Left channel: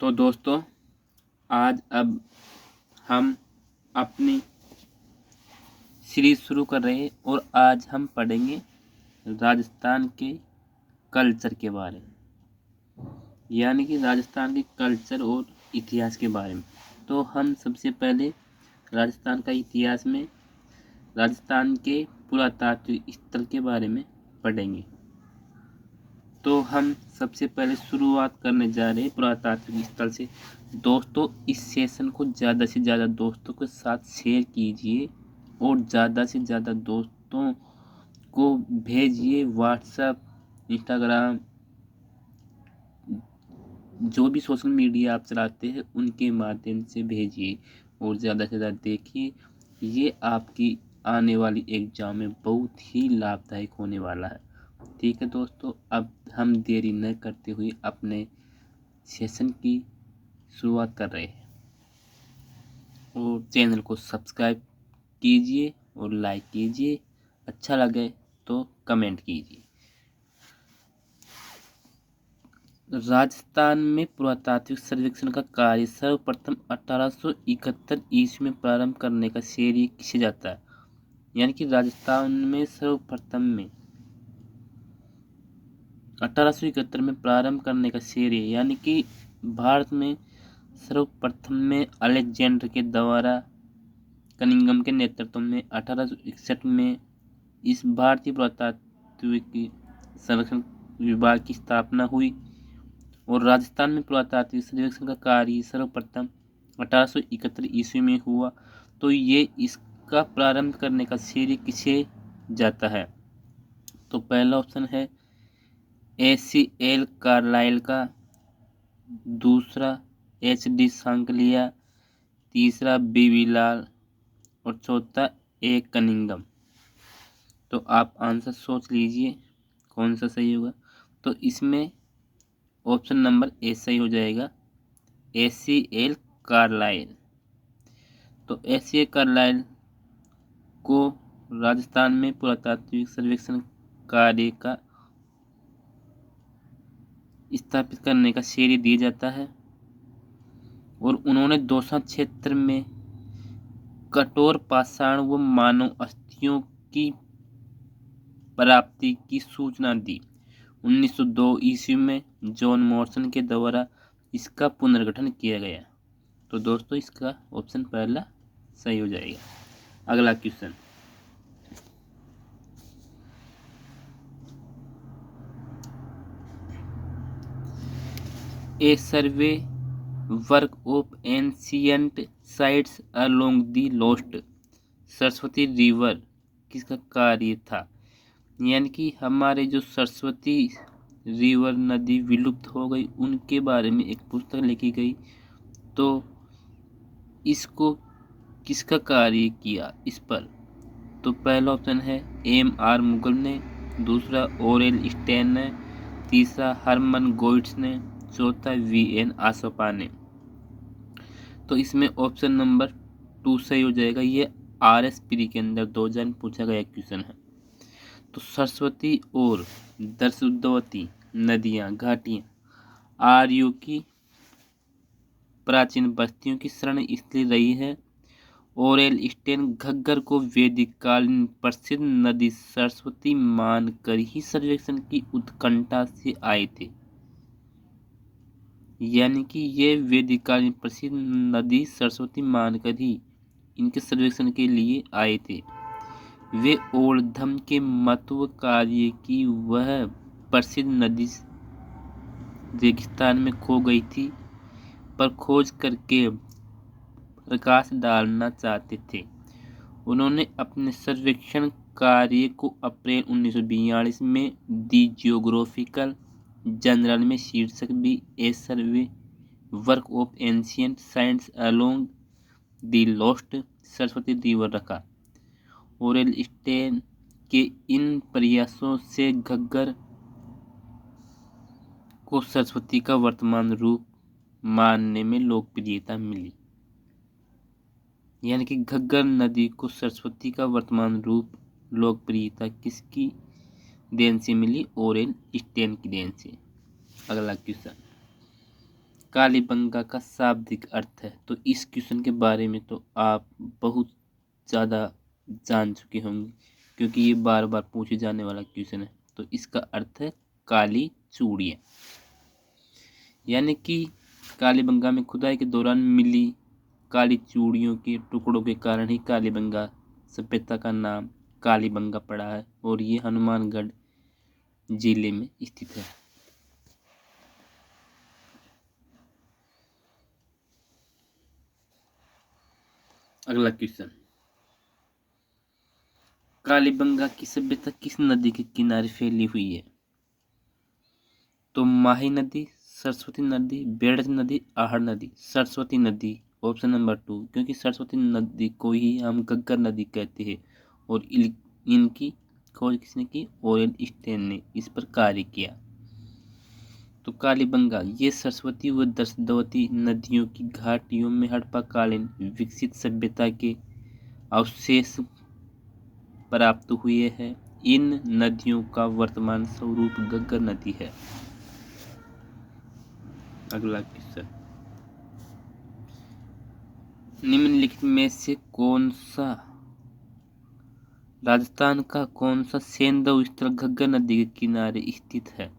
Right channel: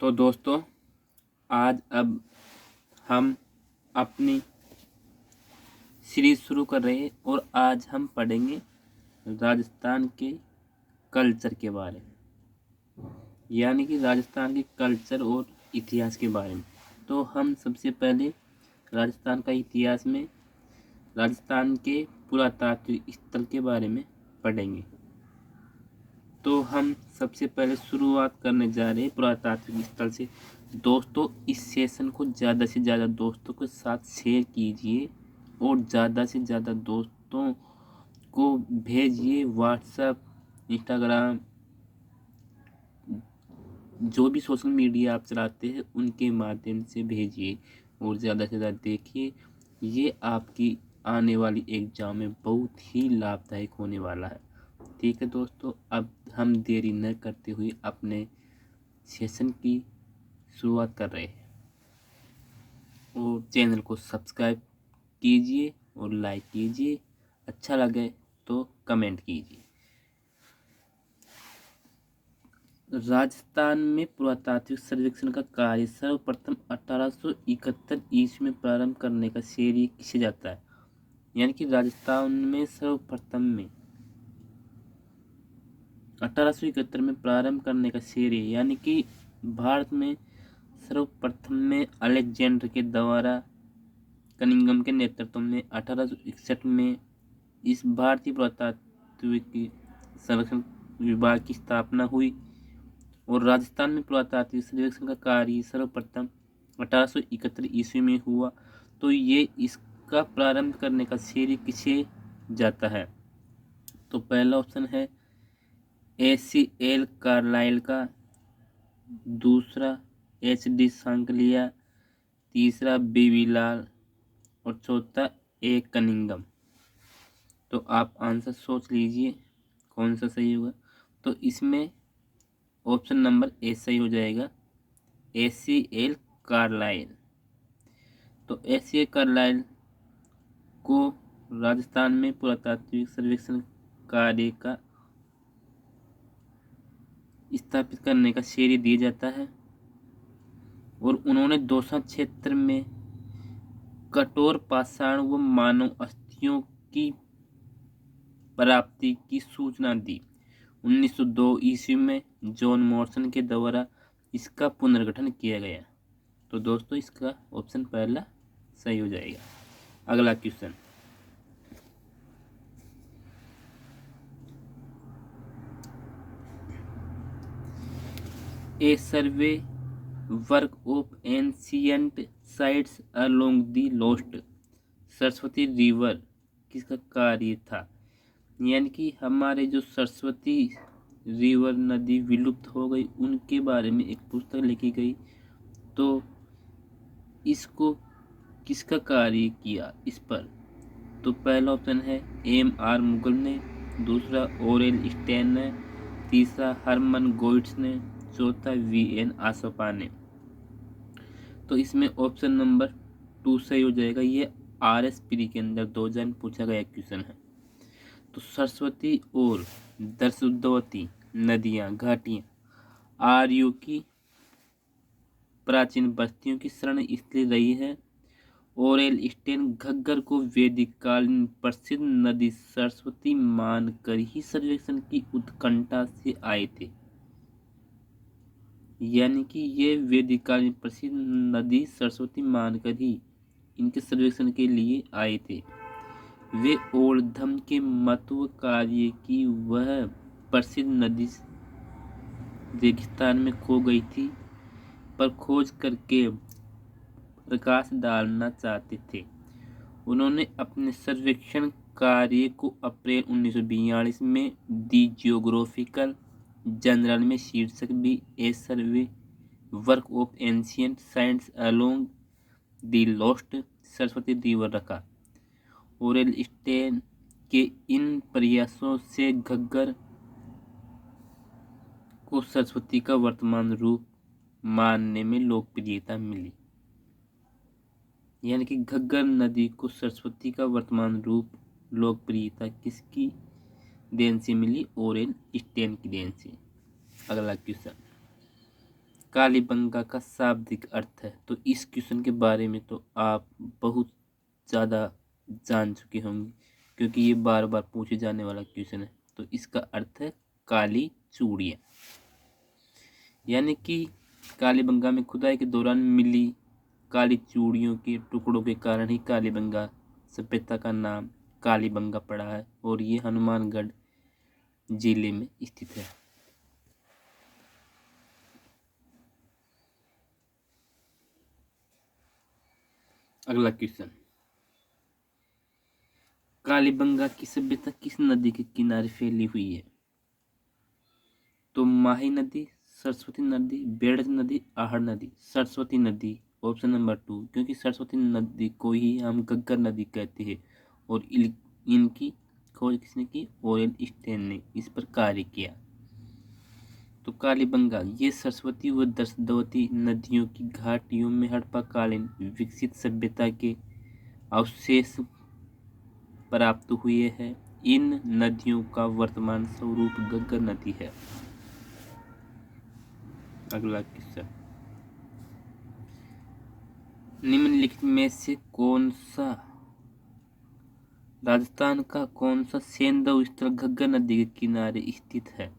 तो दोस्तों, आज अब हम अपनी सीरीज शुरू कर रहे हैं और आज हम पढ़ेंगे राजस्थान के कल्चर के बारे में, यानी कि राजस्थान के कल्चर और इतिहास के बारे में। तो हम सबसे पहले राजस्थान का इतिहास में राजस्थान के पुरातात्विक स्थल के बारे में पढ़ेंगे। तो हम सबसे पहले शुरुआत करने जा रहे हैं पुरातात्विक स्थल से। दोस्तों, इस सेशन को ज़्यादा से ज़्यादा दोस्तों के साथ शेयर कीजिए और ज़्यादा से ज़्यादा दोस्तों को भेजिए। व्हाट्सएप, इंस्टाग्राम, जो भी सोशल मीडिया आप चलाते हैं उनके माध्यम से भेजिए और ज़्यादा से ज़्यादा देखिए। ये आपकी आने वाली एग्ज़ाम में बहुत ही लाभदायक होने वाला है। ठीक है दोस्तों, अब हम देरी न करते हुए अपने सेशन की शुरुआत कर रहे हैं और चैनल को सब्सक्राइब कीजिए और लाइक कीजिए। अच्छा लगे तो कमेंट कीजिए। राजस्थान में पुरातात्विक सर्वेक्षण का कार्य सर्वप्रथम 1871 ईस्वी में प्रारंभ करने का श्रेय किसे जाता है? यानी कि राजस्थान में सर्वप्रथम में 1871 में प्रारंभ करने का श्रेय, यानी कि भारत में सर्वप्रथम में अलेक्जेंडर के द्वारा कनिंघम के नेतृत्व में 1861 में इस भारतीय पुरातात्विक सर्वेक्षण विभाग की स्थापना हुई और राजस्थान में पुरातात्विक सर्वेक्षण का कार्य सर्वप्रथम 1871 ईस्वी में हुआ। तो ये इसका प्रारंभ करने का श्रेय किसे जाता है? तो पहला ऑप्शन है ACL कार्लाइल का, दूसरा HD सांकलिया, तीसरा BV लाल और चौथा A कनिंघम। तो आप आंसर सोच लीजिए कौन सा सही होगा। तो इसमें ऑप्शन नंबर ए सही हो जाएगा, ACL कार्लाइल। तो ACL कार्लाइल को राजस्थान में पुरातात्विक सर्वेक्षण कार्य का स्थापित करने का श्रेय दिया जाता है और उन्होंने दौसा क्षेत्र में कठोर पाषाण व मानव अस्थियों की प्राप्ति की सूचना दी। 1902 ईस्वी में जॉन मॉर्सन के द्वारा इसका पुनर्गठन किया गया। तो दोस्तों, इसका ऑप्शन पहला सही हो जाएगा। अगला question, A survey work of ancient sites along the lost Saraswati river किसका कार्य था? यानी कि हमारे जो सरस्वती रिवर नदी विलुप्त हो गई उनके बारे में एक पुस्तक लिखी गई। तो इसको किसका कार्य किया इस पर? तो पहला ऑप्शन है MR मुगल ने, दूसरा ओरेल स्टेन ने, तीसरा हरमन गोइट्स ने, चौथा VN आसोपा ने। तो इसमें ऑप्शन नंबर 2 सही हो जाएगा। ये RS प्री के अंदर 2000 में पूछा गया क्वेश्चन है। तो सरस्वती और दर्शवती नदियाँ घाटियाँ आर्यों की प्राचीन बस्तियों की शरण स्थली रही है। ओरेल स्टेन घग्गर को वैदिक कालीन प्रसिद्ध नदी सरस्वती मानकर ही सर्वेक्षण की उत्कंठा से आए थे। यानी कि ये वैदिक कालीन प्रसिद्ध नदी सरस्वती मानकर ही इनके सर्वेक्षण के लिए आए थे। वे ओर्धम के महत्व कार्य की वह प्रसिद्ध नदी रेगिस्तान में खो गई थी, पर खोज करके प्रकाश डालना चाहते थे। उन्होंने अपने सर्वेक्षण कार्य को अप्रैल 1942 में दी जियोग्राफिकल जर्नल में शीर्षक भी a survey work of ancient sites along the lost Saraswati river रखा। ओरेल स्टेन के इन प्रयासों से घग्गर को सरस्वती का वर्तमान रूप मानने में लोकप्रियता मिली। यानी कि घग्गर नदी को सरस्वती का वर्तमान रूप लोकप्रियता किसकी देन से मिली? ओरेल स्टेन की देन से। अगला क्वेश्चन, कालीबंगा का शाब्दिक अर्थ है। तो इस क्वेश्चन के बारे में तो आप बहुत ज़्यादा जान चुके होंगे क्योंकि ये बार बार पूछे जाने वाला क्वेश्चन है। तो इसका अर्थ है काली चूड़ियाँ, यानी कि कालीबंगा में खुदाई के दौरान मिली काली चूड़ियों के टुकड़ों के कारण ही कालीबंगा सभ्यता का नाम कालीबंगा पड़ा है और ये हनुमानगढ़ जिले में स्थित है। अगला क्वेश्चन, कालीबंगा की सभ्यता किस नदी के किनारे फैली हुई है? तो माही नदी, सरस्वती नदी, बेड़ज नदी, आहड़ नदी। सरस्वती नदी ऑप्शन नंबर 2, क्योंकि सरस्वती नदी को ही हम घग्गर नदी कहते हैं और इनकी खोज किसने की? ओरेल स्टेन ने इस पर कार्य किया। तो कालीबंगा ये सरस्वती व दर्शवती नदियों की घाटियों में हड़प्पाकालीन विकसित सभ्यता के अवशेष प्राप्त हुए हैं। इन नदियों का वर्तमान स्वरूप घग्गर नदी है। अगला क्वेश्चन, निम्नलिखित में से कौन सा राजस्थान का कौन सा सेंधव स्थल घग्गर नदी के किनारे स्थित है?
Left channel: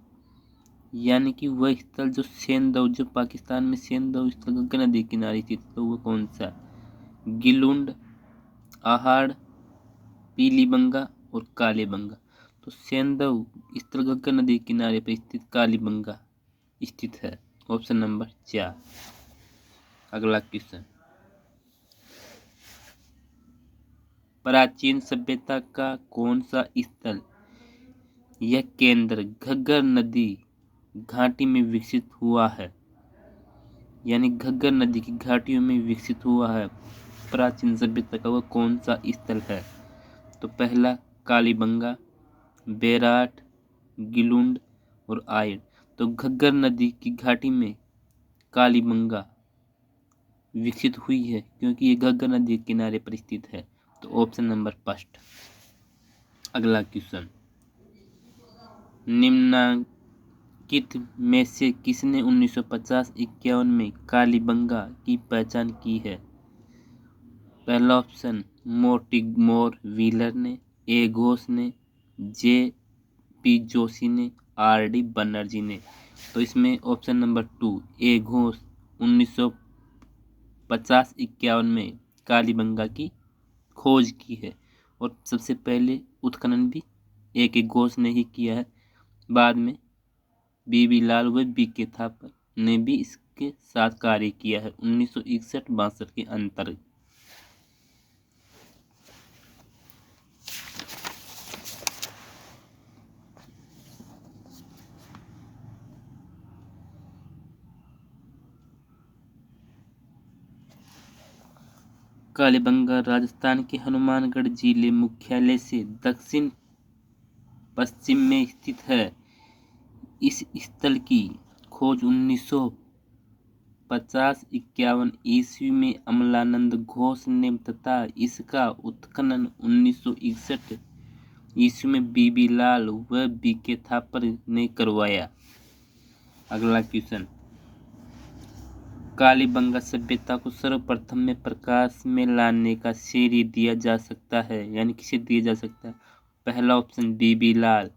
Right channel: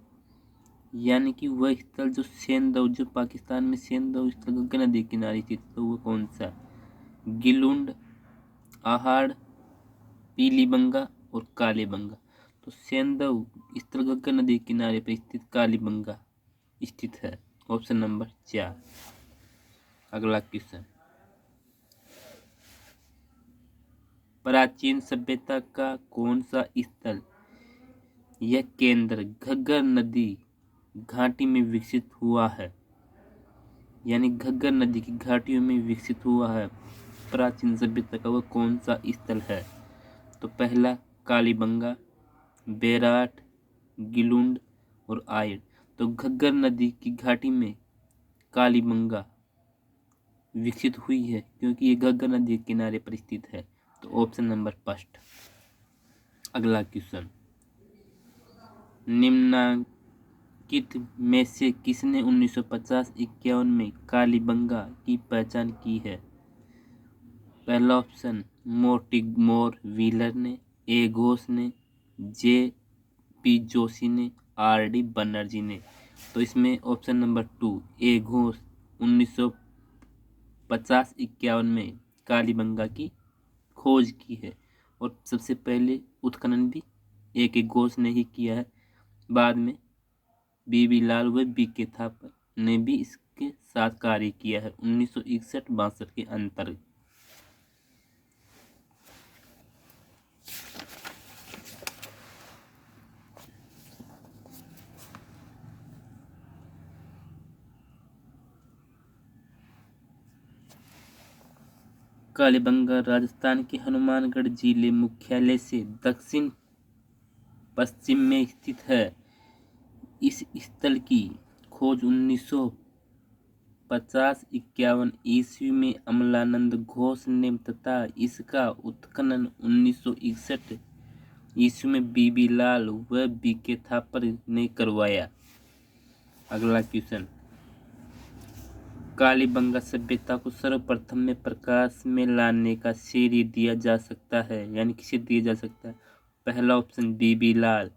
यानी कि वह स्थल जो सेंधव, जो पाकिस्तान में सेंधव स्थल घग्गर नदी के किनारे स्थित है, तो वो कौन सा? गिलुंड, आहड़, पीलीबंगा और कालीबंगा। तो सेंधव स्थल घग्गर नदी के किनारे पर स्थित कालीबंगा स्थित है। Option number 4। अगला क्वेश्चन, प्राचीन सभ्यता का कौन सा स्थल यह केंद्र घग्गर नदी घाटी में विकसित हुआ है? यानी घग्गर नदी की घाटियों में विकसित हुआ है प्राचीन सभ्यता का वह कौन सा स्थल है? तो पहला कालीबंगा, बेराट, गिलुंड और आयर। तो घग्गर नदी की घाटी में कालीबंगा विकसित हुई है क्योंकि ये घग्गर नदी के किनारे पर स्थित है। तो ऑप्शन नंबर 5। अगला क्वेश्चन, निम्नलिखित में से किसने 1950-51 में कालीबंगा की पहचान की है? पहला ऑप्शन मोर्टिमोर व्हीलर ने, ए घोष ने, जे पी जोशी ने, आर डी बनर्जी ने। तो इसमें ऑप्शन नंबर 2 ए घोष 1950-51 में कालीबंगा की खोज की है और सबसे पहले उत्खनन भी एक घोष ने ही किया है। बाद में बीबी लाल व बी के थापर ने भी इसके साथ कार्य किया है 1961-62 के अंतर्गत। कालीबंगा राजस्थान के हनुमानगढ़ जिले मुख्यालय से दक्षिण पश्चिम में स्थित है। इस स्थल की खोज 1950-51 ईस्वी में अमलानंद घोष ने तथा इसका उत्खनन 1961 ईस्वी में बीबी लाल व बी के थापर ने करवाया। अगला क्वेश्चन, कालीबंगा सभ्यता को सर्वप्रथम में प्रकाश में लाने का श्रेय दिया जा सकता है, यानी किसे दिया जा सकता है? पहला ऑप्शन बीबी लाल,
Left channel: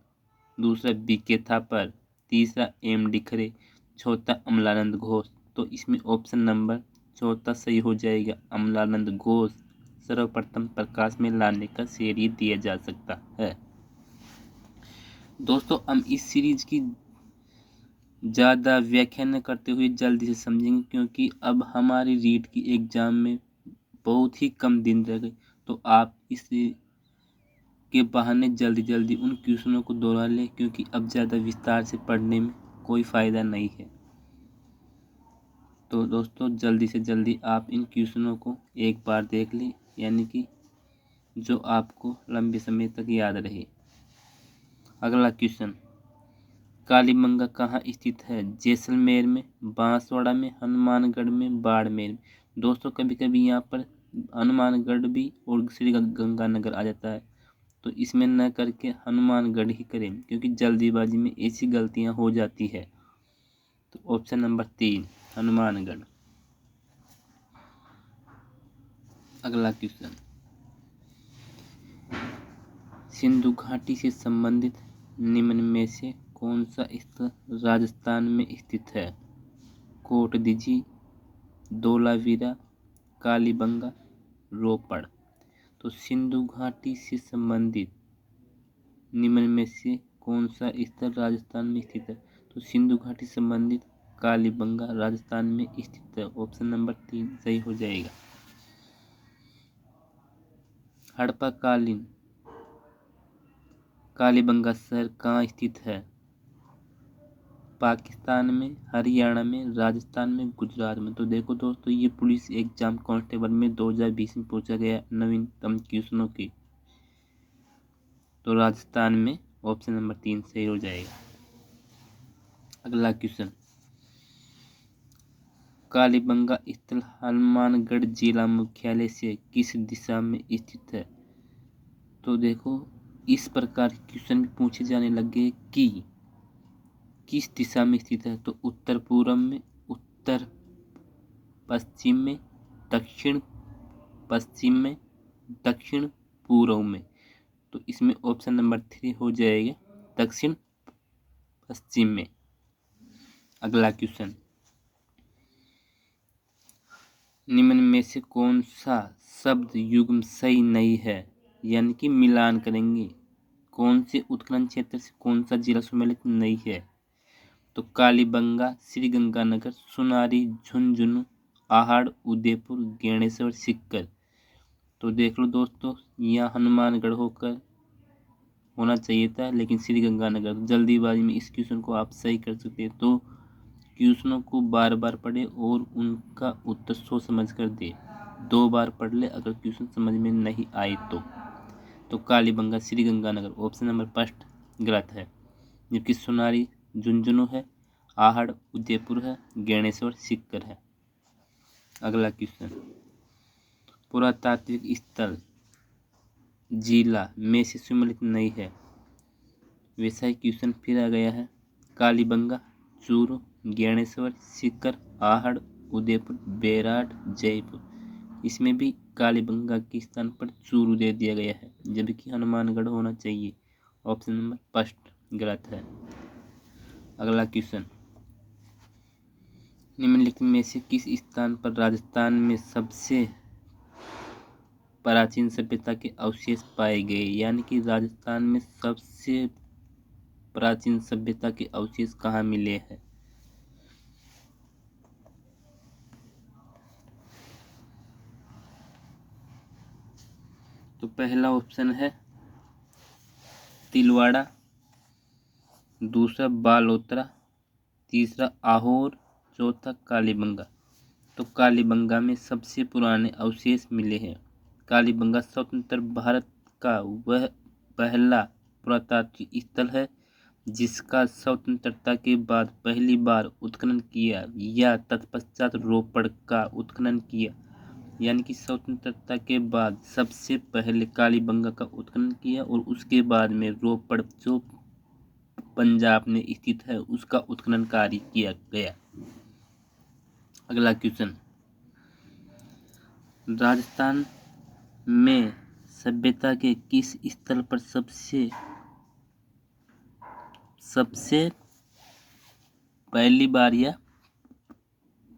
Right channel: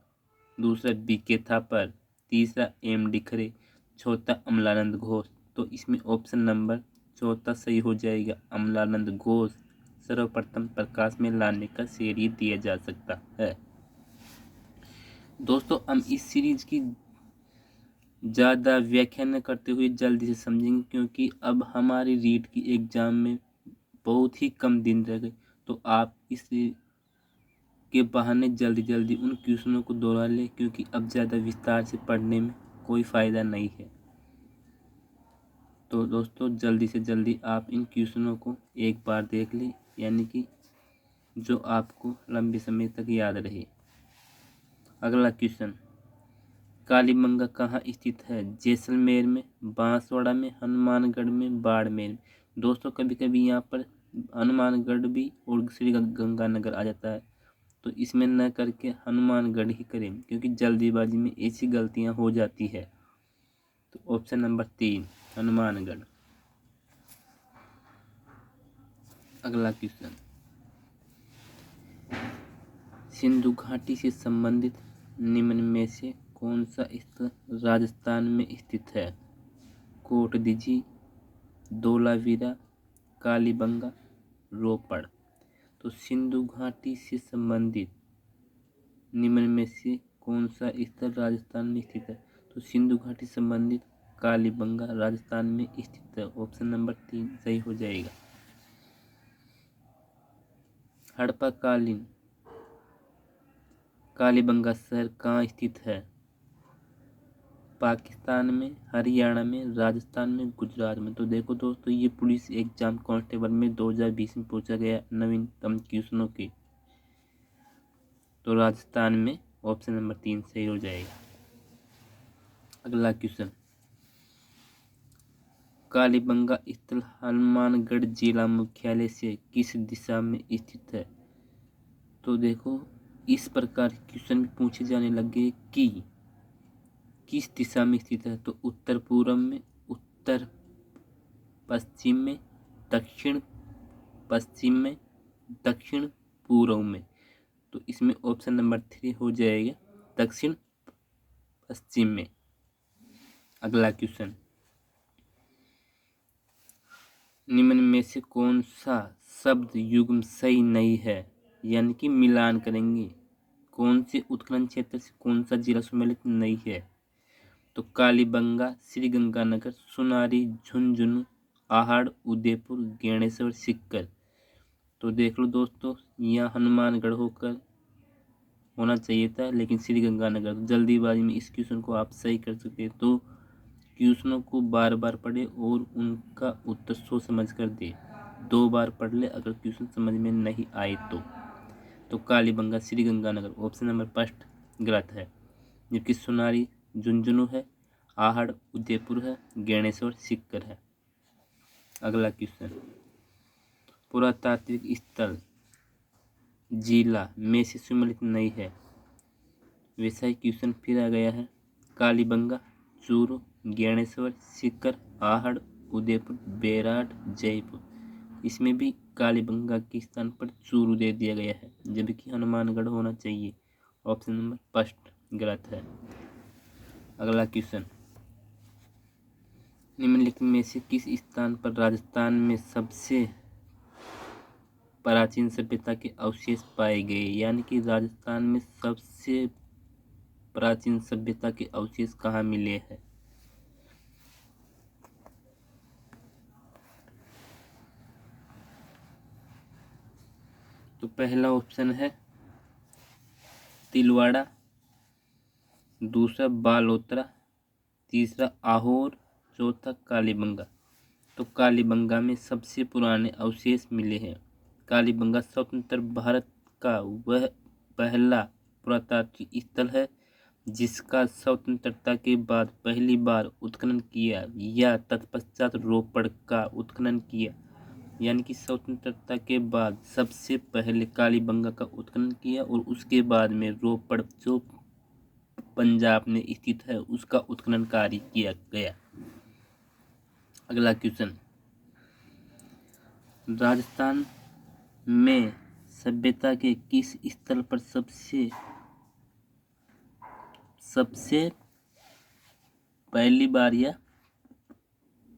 दूसरा बी के थापर, तीसरा एम डी खरे, चौथा अमलानंद घोष। तो इसमें ऑप्शन नंबर चौथा सही हो जाएगा। अमलानंद घोष सर्वप्रथम प्रकाश में लाने का श्रेय दिया जा सकता है। दोस्तों, हम इस सीरीज की ज़्यादा व्याख्या न करते हुए जल्दी से समझेंगे क्योंकि अब हमारी रीट की एग्ज़ाम में बहुत ही कम दिन रह गए। तो आप इस के बहाने जल्दी जल्दी उन क्वेश्चनों को दोहरा लें क्योंकि अब ज़्यादा विस्तार से पढ़ने में कोई फ़ायदा नहीं है। तो दोस्तों, जल्दी से जल्दी आप इन क्वेश्चनों को एक बार देख लें, यानी कि जो आपको लंबे समय तक याद रहे। अगला क्वेश्चन, कालीबंगा कहाँ स्थित है? जैसलमेर में, बांसवाड़ा में, हनुमानगढ़ में, बाड़मेर में। दोस्तों, कभी कभी यहाँ पर हनुमानगढ़ भी और श्री गंगानगर आ जाता है, तो इसमें न करके हनुमानगढ़ ही करें क्योंकि जल्दीबाजी में ऐसी गलतियाँ हो जाती है। तो ऑप्शन नंबर 3 हनुमानगढ़। अगला क्वेश्चन, सिंधु घाटी से संबंधित निम्न में से कौन सा स्थल राजस्थान में स्थित है? कोटदीजी, धोलावीरा, कालीबंगा, रोपड़। तो सिंधु घाटी से संबंधित निम्न में से कौन सा स्थल राजस्थान में स्थित है? तो सिंधु घाटी से संबंधित कालीबंगा राजस्थान में स्थित है। ऑप्शन नंबर 3 सही हो जाएगा। हड़प्पा कालीन कालीबंगा शहर कहाँ स्थित है? पाकिस्तान में, हरियाणा में, राजस्थान में, गुजरात में। तो देखो दोस्तों, ये पुलिस एग्जाम कांस्टेबल में 2020 में पूछा गया नवीनतम क्वेश्चनों की। तो राजस्थान में ऑप्शन नंबर 3 सही हो जाएगा। अगला क्वेश्चन, कालीबंगा स्थल हनुमानगढ़ जिला मुख्यालय से किस दिशा में स्थित है? तो देखो, इस प्रकार क्वेश्चन पूछे जाने लगे कि किस दिशा में स्थित है। तो उत्तर पूर्व में, उत्तर पश्चिम में, दक्षिण पश्चिम में, दक्षिण पूर्व में। तो इसमें ऑप्शन नंबर 3 हो जाएगा, दक्षिण पश्चिम में। अगला क्वेश्चन, निम्न में से कौन सा शब्द युग्म सही नहीं है? यानी कि मिलान करेंगे, कौन से उत्खनन क्षेत्र से कौन सा जिला सम्मिलित नहीं है? तो कालीबंगा, श्रीगंगानगर, सुनारी, झुंझुनू, आहड़, उदयपुर, गेणेश्वर, सीकर। तो देख लो दोस्तों, यहाँ हनुमानगढ़ होकर होना चाहिए था, लेकिन श्रीगंगानगर। जल्दीबाजी में इस क्वेश्चन को आप सही कर सकते हैं। तो क्वेश्चनों को बार बार पढ़े और उनका उत्तर सोच समझ कर दे। 2 बार पढ़ ले अगर क्वेश्चन समझ में नहीं आए तो कालीबंगा, श्रीगंगानगर ऑप्शन नंबर 5 गलत है, जबकि सुनारी झुंझुनू है, आहड़ उदयपुर है, गेणेश्वर सीकर है। अगला क्वेश्चन, पुरातात्विक स्थल जिला में से सम्मिलित नहीं है। वैसा ही क्वेश्चन फिर आ गया है। कालीबंगा, चूरू, गेणेश्वर, सीकर, आहड़, उदयपुर, बेराट, जयपुर। इसमें भी कालीबंगा के स्थान पर चूरू दे दिया गया है, जबकि हनुमानगढ़ होना चाहिए। ऑप्शन नंबर 5 गलत है। अगला क्वेश्चन, निम्नलिखित में से किस स्थान पर राजस्थान में सबसे प्राचीन सभ्यता के अवशेष पाए गए? यानी कि राजस्थान में सबसे प्राचीन सभ्यता के अवशेष कहाँ मिले हैं? तो पहला ऑप्शन है तिलवाड़ा, दूसरा बालोतरा, तीसरा आहोर, चौथा कालीबंगा। तो कालीबंगा में सबसे पुराने अवशेष मिले हैं। कालीबंगा स्वतंत्र भारत का वह पहला पुरातात्विक स्थल है जिसका स्वतंत्रता के बाद पहली बार उत्खनन किया या तत्पश्चात रोपड़ का उत्खनन किया। यानी कि स्वतंत्रता के बाद सबसे पहले कालीबंगा का उत्खनन किया और उसके बाद में रोपड़ जो पंजाब में स्थित है उसका उत्खनन कार्य किया गया। अगला क्वेश्चन, राजस्थान में सभ्यता के किस स्थल पर सबसे पहली बार या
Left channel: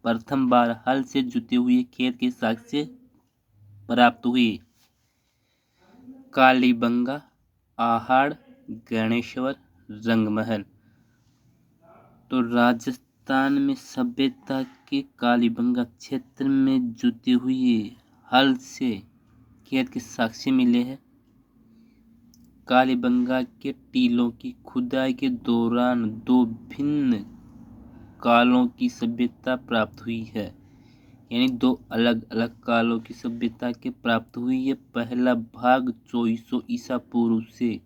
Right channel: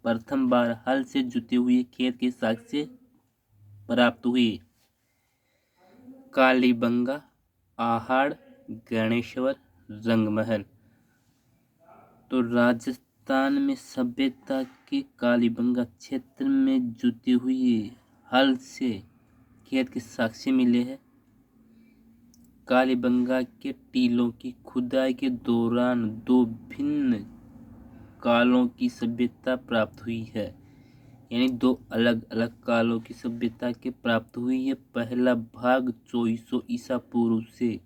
प्रथम बार हल से जुते हुए खेत के साक्ष्य प्राप्त हुए? कालीबंगा, आहड़, गणेश्वर, रंगमहल। तो राजस्थान में सभ्यता के कालीबंगा क्षेत्र में जुते हुए हल से खेत के साक्ष्य मिले हैं। कालीबंगा के टीलों की खुदाई के दौरान 2 भिन्न कालों की सभ्यता प्राप्त हुई है। यानी 2 अलग अलग कालों की सभ्यता के प्राप्त हुई है। पहला भाग 2400 ईसा पूर्व से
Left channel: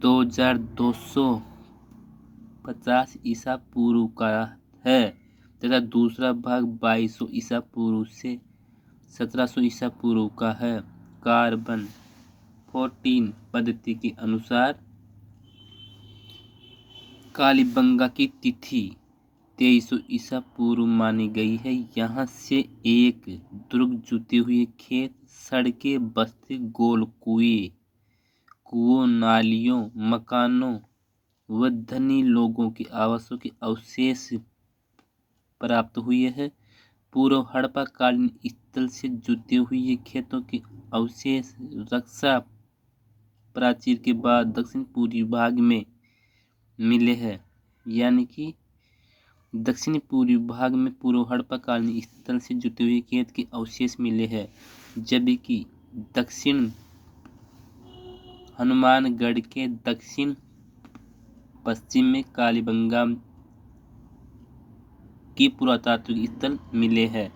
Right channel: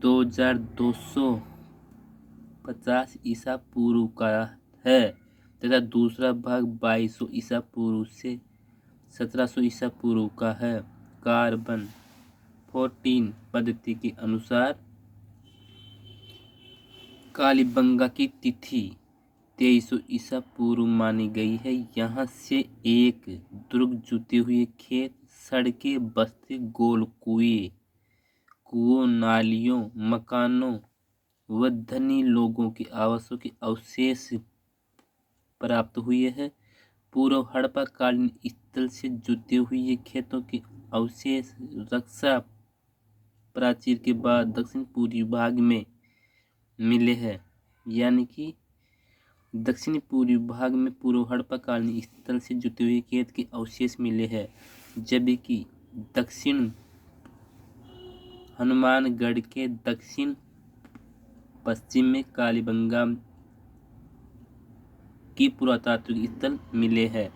2250 ईसा पूर्व का है तथा दूसरा भाग 2200 ईसा पूर्व से 1700 ईसा पूर्व का है। कार्बन 14 पद्धति के अनुसार कालीबंगा की तिथि 2300 ईसा पूर्व मानी गई है। यहाँ से एक दुर्ग, जुते हुए खेत, सड़कें, बस्ती, गोल कुओं, नालियों, मकानों व धनी लोगों के आवासों के अवशेष प्राप्त हुए हैं। पूर्व हड़प्पा कालीन स्थल से जुते हुए खेतों के अवशेष रक्षा प्राचीर के बाद दक्षिण पूर्वी भाग में मिले हैं। यानी कि दक्षिण पूर्वी भाग में पूर्व हड़प्पा कालीन स्थल से जुटे हुए खेत के अवशेष मिले हैं, जबकि दक्षिण हनुमानगढ़ के दक्षिण पश्चिम में कालीबंगा की पुरातात्विक स्थल मिले हैं।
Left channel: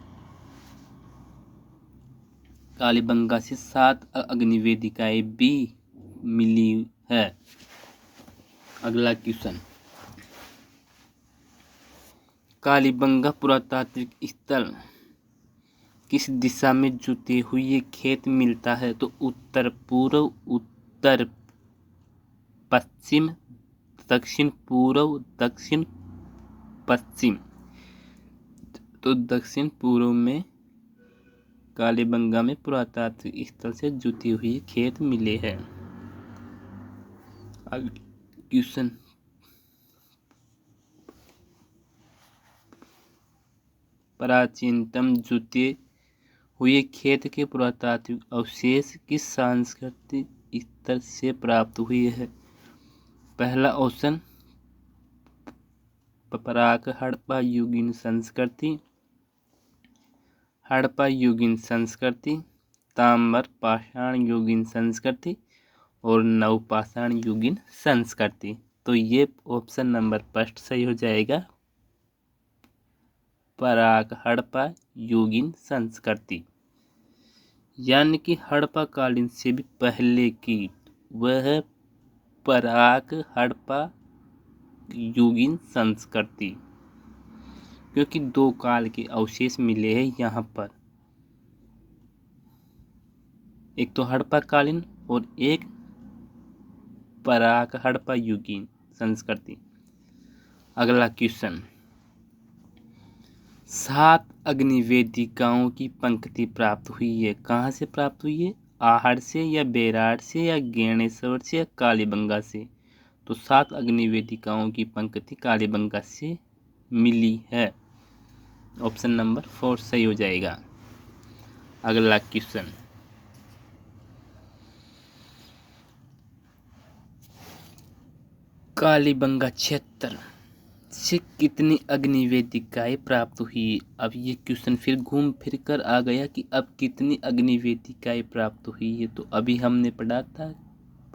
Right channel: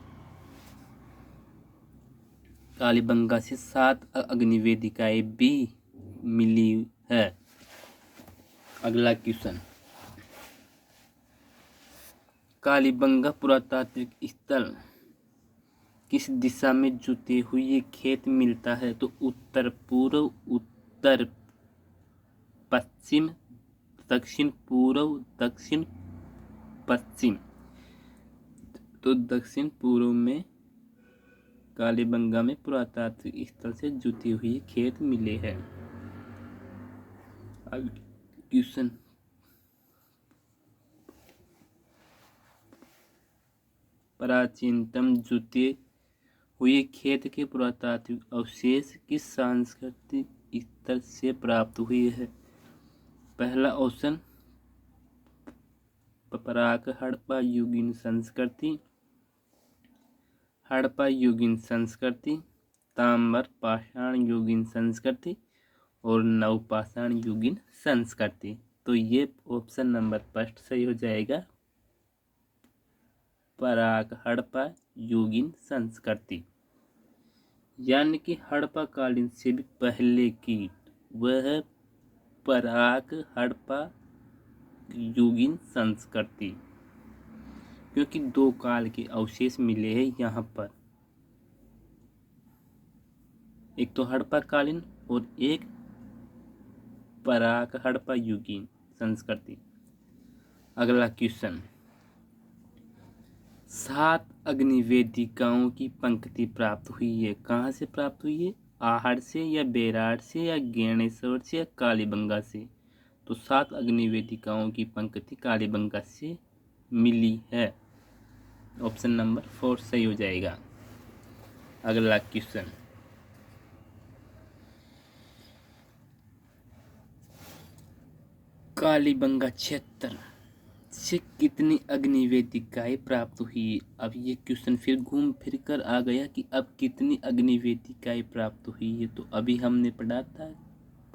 कालीबंगा से 7 अग्निवेदिकाएं भी मिली है। अगला क्वेश्चन, कालीबंगा पुरातात्विक स्थल किस दिशा में जुते हुए खेत मिलता है? तो उत्तर पूर्व, उत्तर पश्चिम, दक्षिण पूर्व, दक्षिण पश्चिम। तो दक्षिण पूर्व में कालीबंगा में पुरातात्विक स्थल से जुटी हुई खेत मिले हैं। क्वेश्चन, प्राचीनतम जुटे हुए खेत के पुरातात्विक अवशेष किस सांस्कृतिक स्तर से प्राप्त हुए हैं? पहला ऑप्शन पराक हड़प्पा युगीन संस्कृति, हड़प्पा युगीन संस्कृति, ताम्र पाषाण युगीन संस्कृति और नवपाषाण युगीन संस्कृति। तो ये ऑप्शन नंबर फर्स्ट सही हो जाएगा, पराक हड़प्पा युगीन संस्कृति। यानी कि हड़प्पा कालीन से भी पहले की वह पराक हड़प्पा युगीन संस्कृति, क्योंकि 2 काल के अवशेष मिले हैं यहाँ पर, एक तो हड़प्पा कालीन और एक पराक हड़प्पा युगीन संस्कृति। अगला क्वेश्चन, 7 अग्निवेदिकाओं की पंक्ति प्राप्त हुई है, कहाँ से प्राप्त हुई है? आहड़ से या बेराड़ से या गेणेश्वर से या कालीबंगा से? तो 7 अग्निवेदिकाओं की पंक्ति कालीबंगा से मिली है। ऑप्शन नंबर 4 सही हो जाएगा। अगला क्वेश्चन, कालीबंगा क्षेत्र से कितनी अग्निवेदिकाएं प्राप्त हुई? अब ये क्वेश्चन फिर घूम फिर कर आ गया कि अब कितनी अग्निवेदिकाएं प्राप्त हुई है। तो अभी हमने पढ़ा था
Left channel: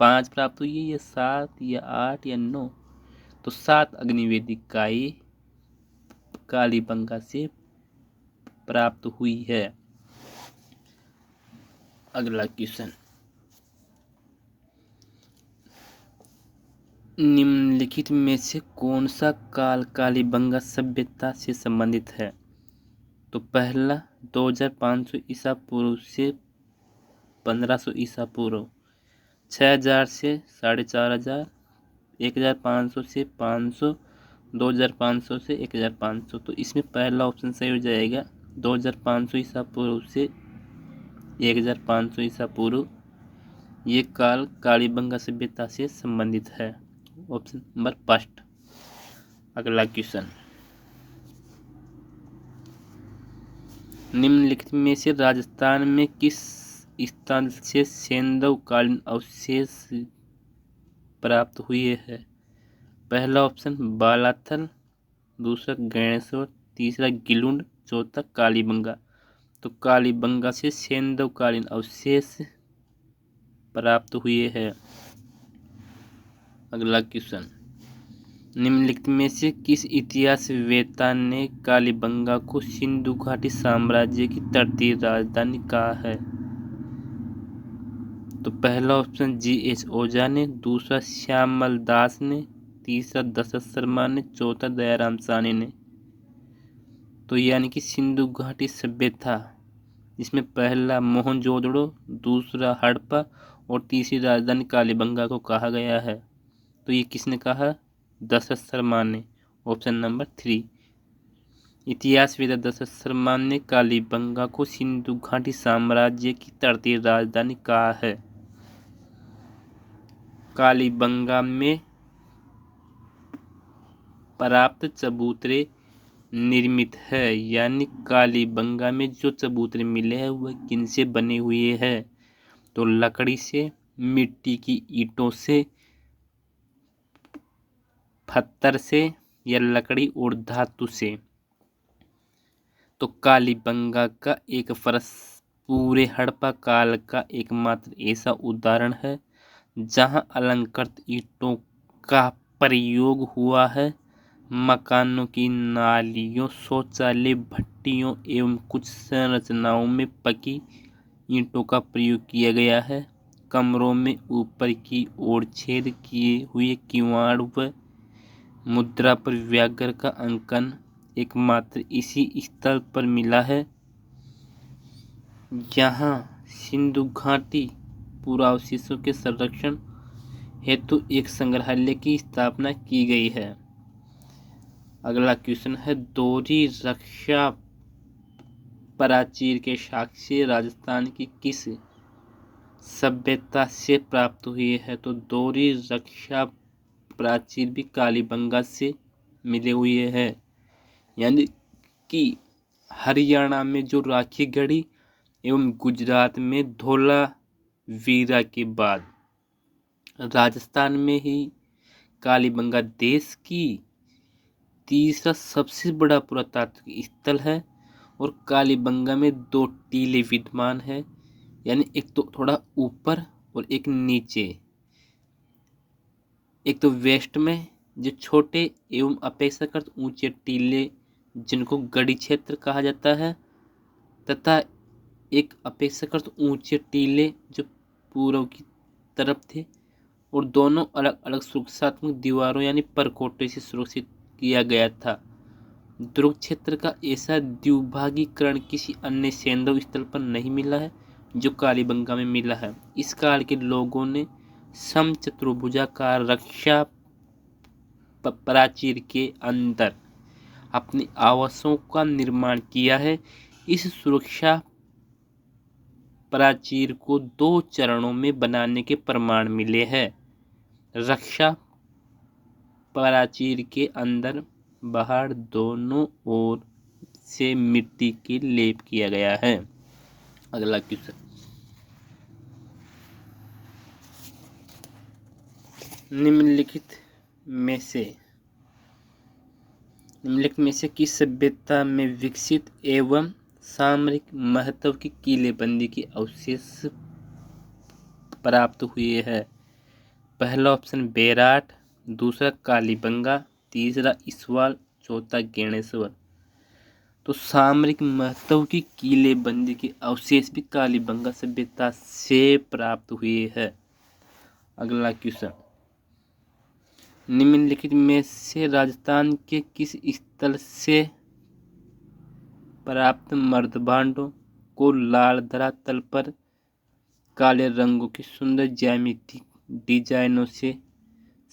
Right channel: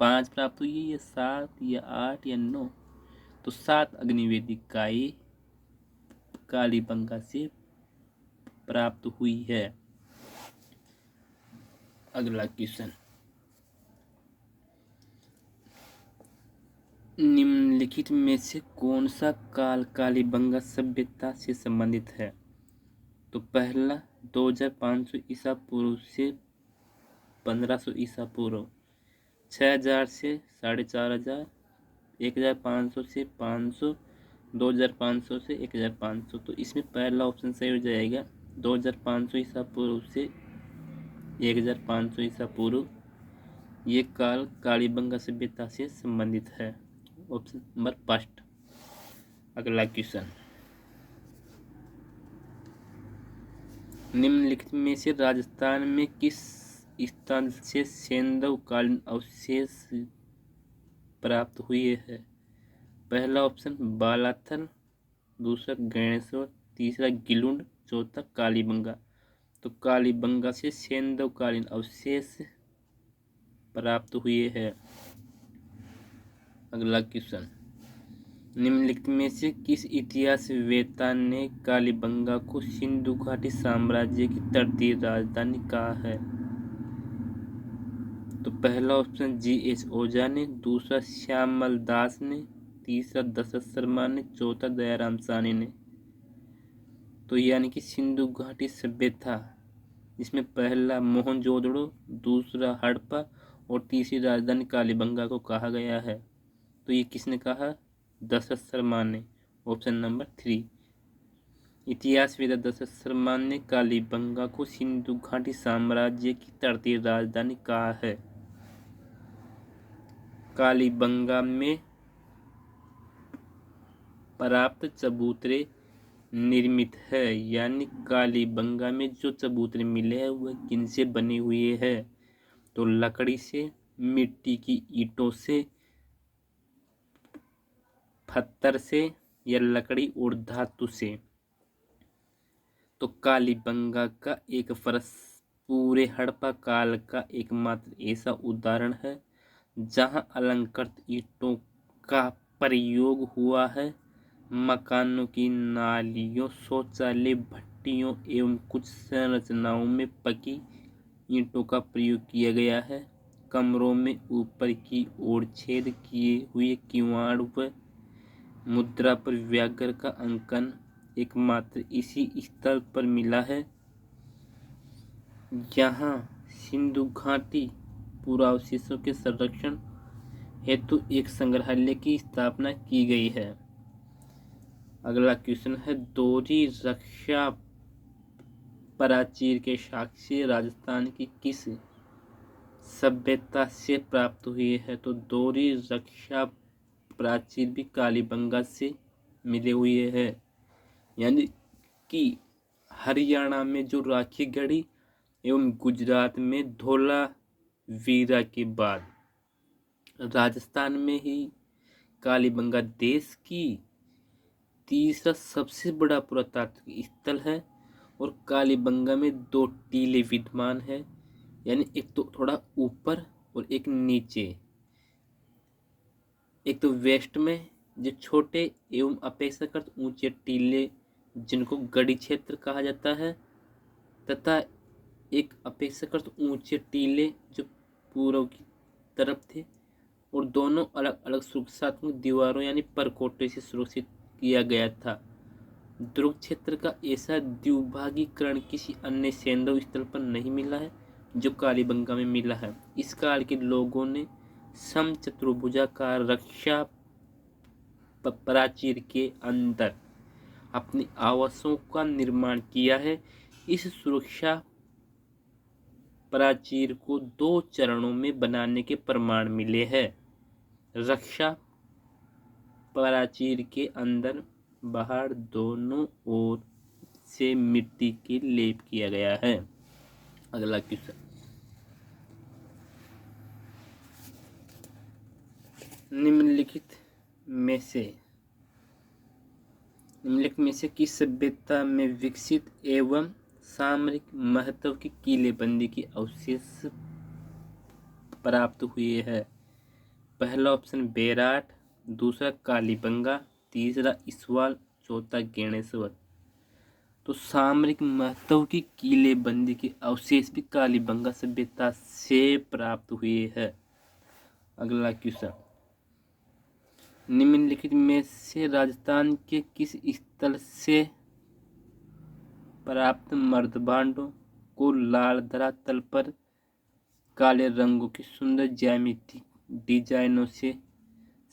5 प्राप्त हुई है, या 7 या 8 या 9। तो 7 अग्निवेदिकाएं कालीबंगा से प्राप्त हुई है। अगला क्वेश्चन, निम्नलिखित में से कौन सा काल कालीबंगा सभ्यता से संबंधित है? तो पहला 2500 ईसा पूर्व से 1500 ईसा पूर्व, 6000 से 4500, 1500 से 500, 2500 से 1500। तो इसमें पहला ऑप्शन सही हो जाएगा, 2500 ईसा पूर्व से 1500 ईसा पूर्व। ये काल कालीबंगा सभ्यता से संबंधित है। Option number first. अगला क्वेश्चन, निम्नलिखित में से राजस्थान में किस स्थान से सेंधव कालीन अवशेष प्राप्त हुए हैं? पहला ऑप्शन बालाथल, दूसरा गणेश्वर, तीसरा गिलुंड, चौथा कालीबंगा। तो कालीबंगा से सेंधव कालीन अवशेष प्राप्त हुए हैं। अगला क्वेश्चन, निम्नलिखित में से किस इतिहासवेत्ता ने कालीबंगा को सिंधु घाटी साम्राज्य की तटीय राजधानी कहा है? तो पहला ऑप्शन G.H. ओझा ने, दूसरा श्यामल दास ने, तीसरा दशरथ शर्मा ने, चौथा दयाराम साहनी ने। तो यानी कि सिंधु घाटी सभ्यता, जिसमें पहला मोहनजोदड़ो, दूसरा हड़प्पा और तीसरी राजधानी कालीबंगा को कहा गया है। तो ये किसने कहा? दशरथ शर्मा ने। ऑप्शन नंबर 3 इतिहासवेत्ता दशरथ शर्मा ने कालीबंगा को सिंधु घाटी साम्राज्य की तटीय राजधानी कहा है। कालीबंगा में प्राप्त चबूतरे निर्मित है, यानी कालीबंगा में जो चबूतरे मिले हैं वह किनसे बने हुए हैं? तो लकड़ी से, मिट्टी की ईंटों से, पत्थर से या लकड़ी और धातु से। तो कालीबंगा का एक फर्श पूरे हड़प्पा काल का एकमात्र ऐसा उदाहरण है जहां अलंकृत ईंटों का प्रयोग हुआ है। मकानों की नालियों, शौचालय, भट्टियों एवं कुछ संरचनाओं में पकी ईंटों का प्रयोग किया गया है। कमरों में ऊपर की ओर छेद किए हुए किवाड़ व मुद्रा पर व्याघ्र का अंकन एकमात्र इसी स्थल पर मिला है। यहाँ सिंधु घाटी पुरावशेषों के संरक्षण हेतु एक संग्रहालय की स्थापना की गई है। अगला क्वेश्चन है, दोहरी रक्षा प्राचीर के साक्ष्य राजस्थान की किस सभ्यता से प्राप्त हुए हैं? तो दोहरी रक्षा प्राचीर भी कालीबंगा से मिले हुए हैं, यानी कि हरियाणा में जो राखी गढ़ी एवं गुजरात में धोलावीरा के बाद राजस्थान में ही कालीबंगा देश की तीसरा सबसे बड़ा पुरातात्विक स्थल है। और कालीबंगा में 2 टीले विद्यमान है, यानी एक तो थोड़ा ऊपर और एक नीचे। एक तो वेस्ट में जो छोटे एवं अपेक्षाकृत ऊंचे टीले जिनको गढ़ी क्षेत्र कहा जाता है, तथा एक अपेक्षाकृत ऊंचे टीले जो पूर्व की तरफ थे और दोनों अलग अलग सुरक्षात्मक दीवारों यानी परकोटे से सुरक्षित किया गया था। दुर्ग क्षेत्र का ऐसा द्विभागीकरण किसी अन्य सैंधव स्थल पर नहीं मिला है जो कालीबंगा में मिला है। इस काल के लोगों ने समचतुर्भुजाकार रक्षा प्राचीर के अंदर अपने आवासों का निर्माण किया है। इस सुरक्षा प्राचीर को 2 चरणों में बनाने के प्रमाण मिले हैं। रक्षा प्राचीर के अंदर बाहर दोनों ओर से मिट्टी की लेप किया गया है। अगला क्वेश्चन, निम्नलिखित में से किस सभ्यता में विकसित एवं सामरिक महत्व की किलेबंदी के अवशेष प्राप्त हुए हैं? पहला ऑप्शन बेराट, दूसरा कालीबंगा, तीसरा इसवाल, चौथा गेणेश्वर। तो सामरिक महत्व की किलेबंदी के अवशेष भी कालीबंगा सभ्यता से प्राप्त हुए हैं। अगला क्वेश्चन, निम्नलिखित में से राजस्थान के किस स्थल से प्राप्त मर्दभांडों को लाल धरातल पर काले रंगों की सुंदर ज्यामिति डिजाइनों से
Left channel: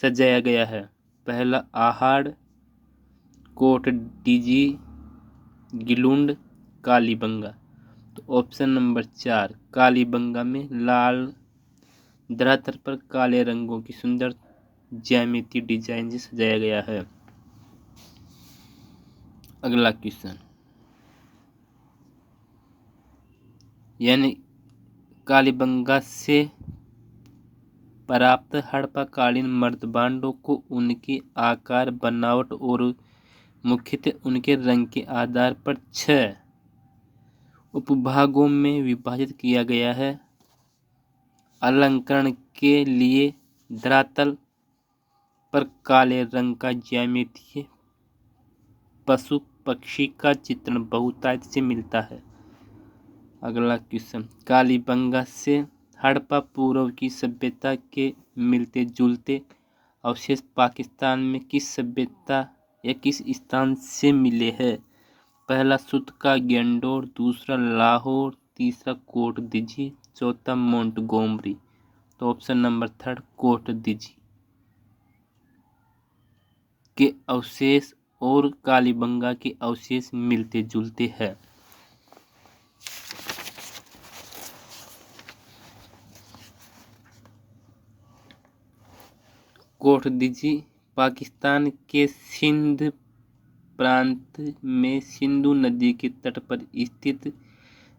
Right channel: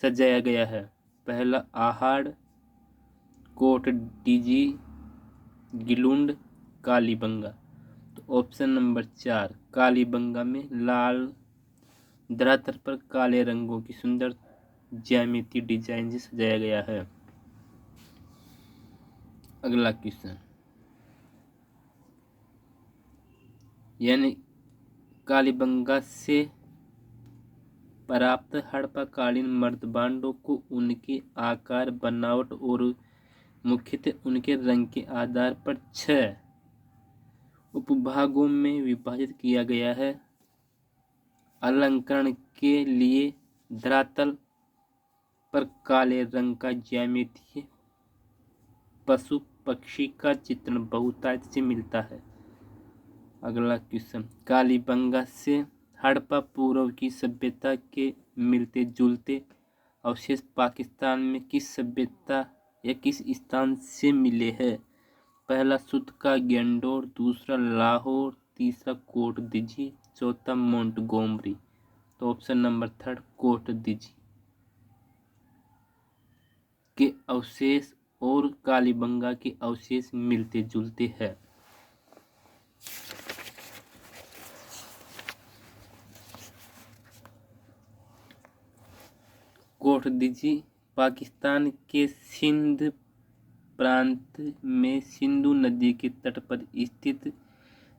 सजाया गया है? पहला आहड़, कोट डीजी, गिलुंड, कालीबंगा। तो ऑप्शन नंबर 4 कालीबंगा में लाल धरातल पर काले रंगों की सुंदर ज्यामिति डिजाइन से सजाया गया है। अगला क्वेश्चन, यानी कालीबंगा से प्राप्त हड़प्पाकालीन मर्दभांडों को उनके आकार, बनावट और मुख्यतः उनके रंग के आधार पर 6 उपभागों में विभाजित किया गया है। अलंकरण के लिए धरातल पर काले रंग का ज्यामितीय पशु पक्षी का चित्रण बहुतायत से मिलता है। अगला क्वेश्चन, कालीबंगा से हड़प्पा पूर्व की सभ्यता के मिलते जुलते अवशेष पाकिस्तान में किस सभ्यता या किस स्थान से मिले हैं? पहला सुत का गेंडोर, दूसरा लाहौर, तीसरा कोट दिजी, चौथा मोंटगोमरी। तो ऑप्शन नंबर 3 कोट दिजी के अवशेष और कालीबंगा के अवशेष मिलते जुलते हैं। कोटदीजी पाकिस्तान के सिंध प्रांत में सिंधु नदी के तट पर स्थित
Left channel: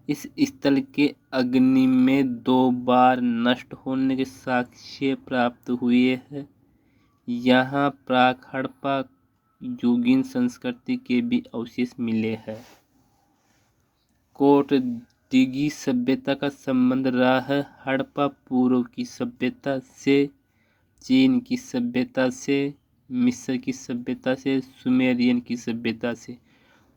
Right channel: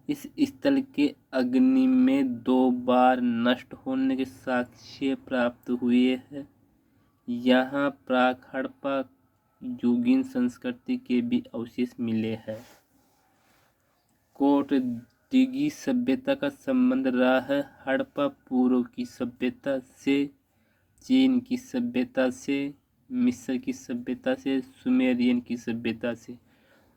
इस स्थल के अग्नि में 2 बार नष्ट होने के साक्ष्य प्राप्त हुए हैं। यहाँ प्राक हड़प्पा युगीन संस्कृति के भी अवशेष मिले हैं। कोटदीगी सभ्यता का संबंध रहा है हड़प्पा पूर्व की सभ्यता से, चीन की सभ्यता से, मिस्र की सभ्यता से, सुमेरियन की सभ्यता से।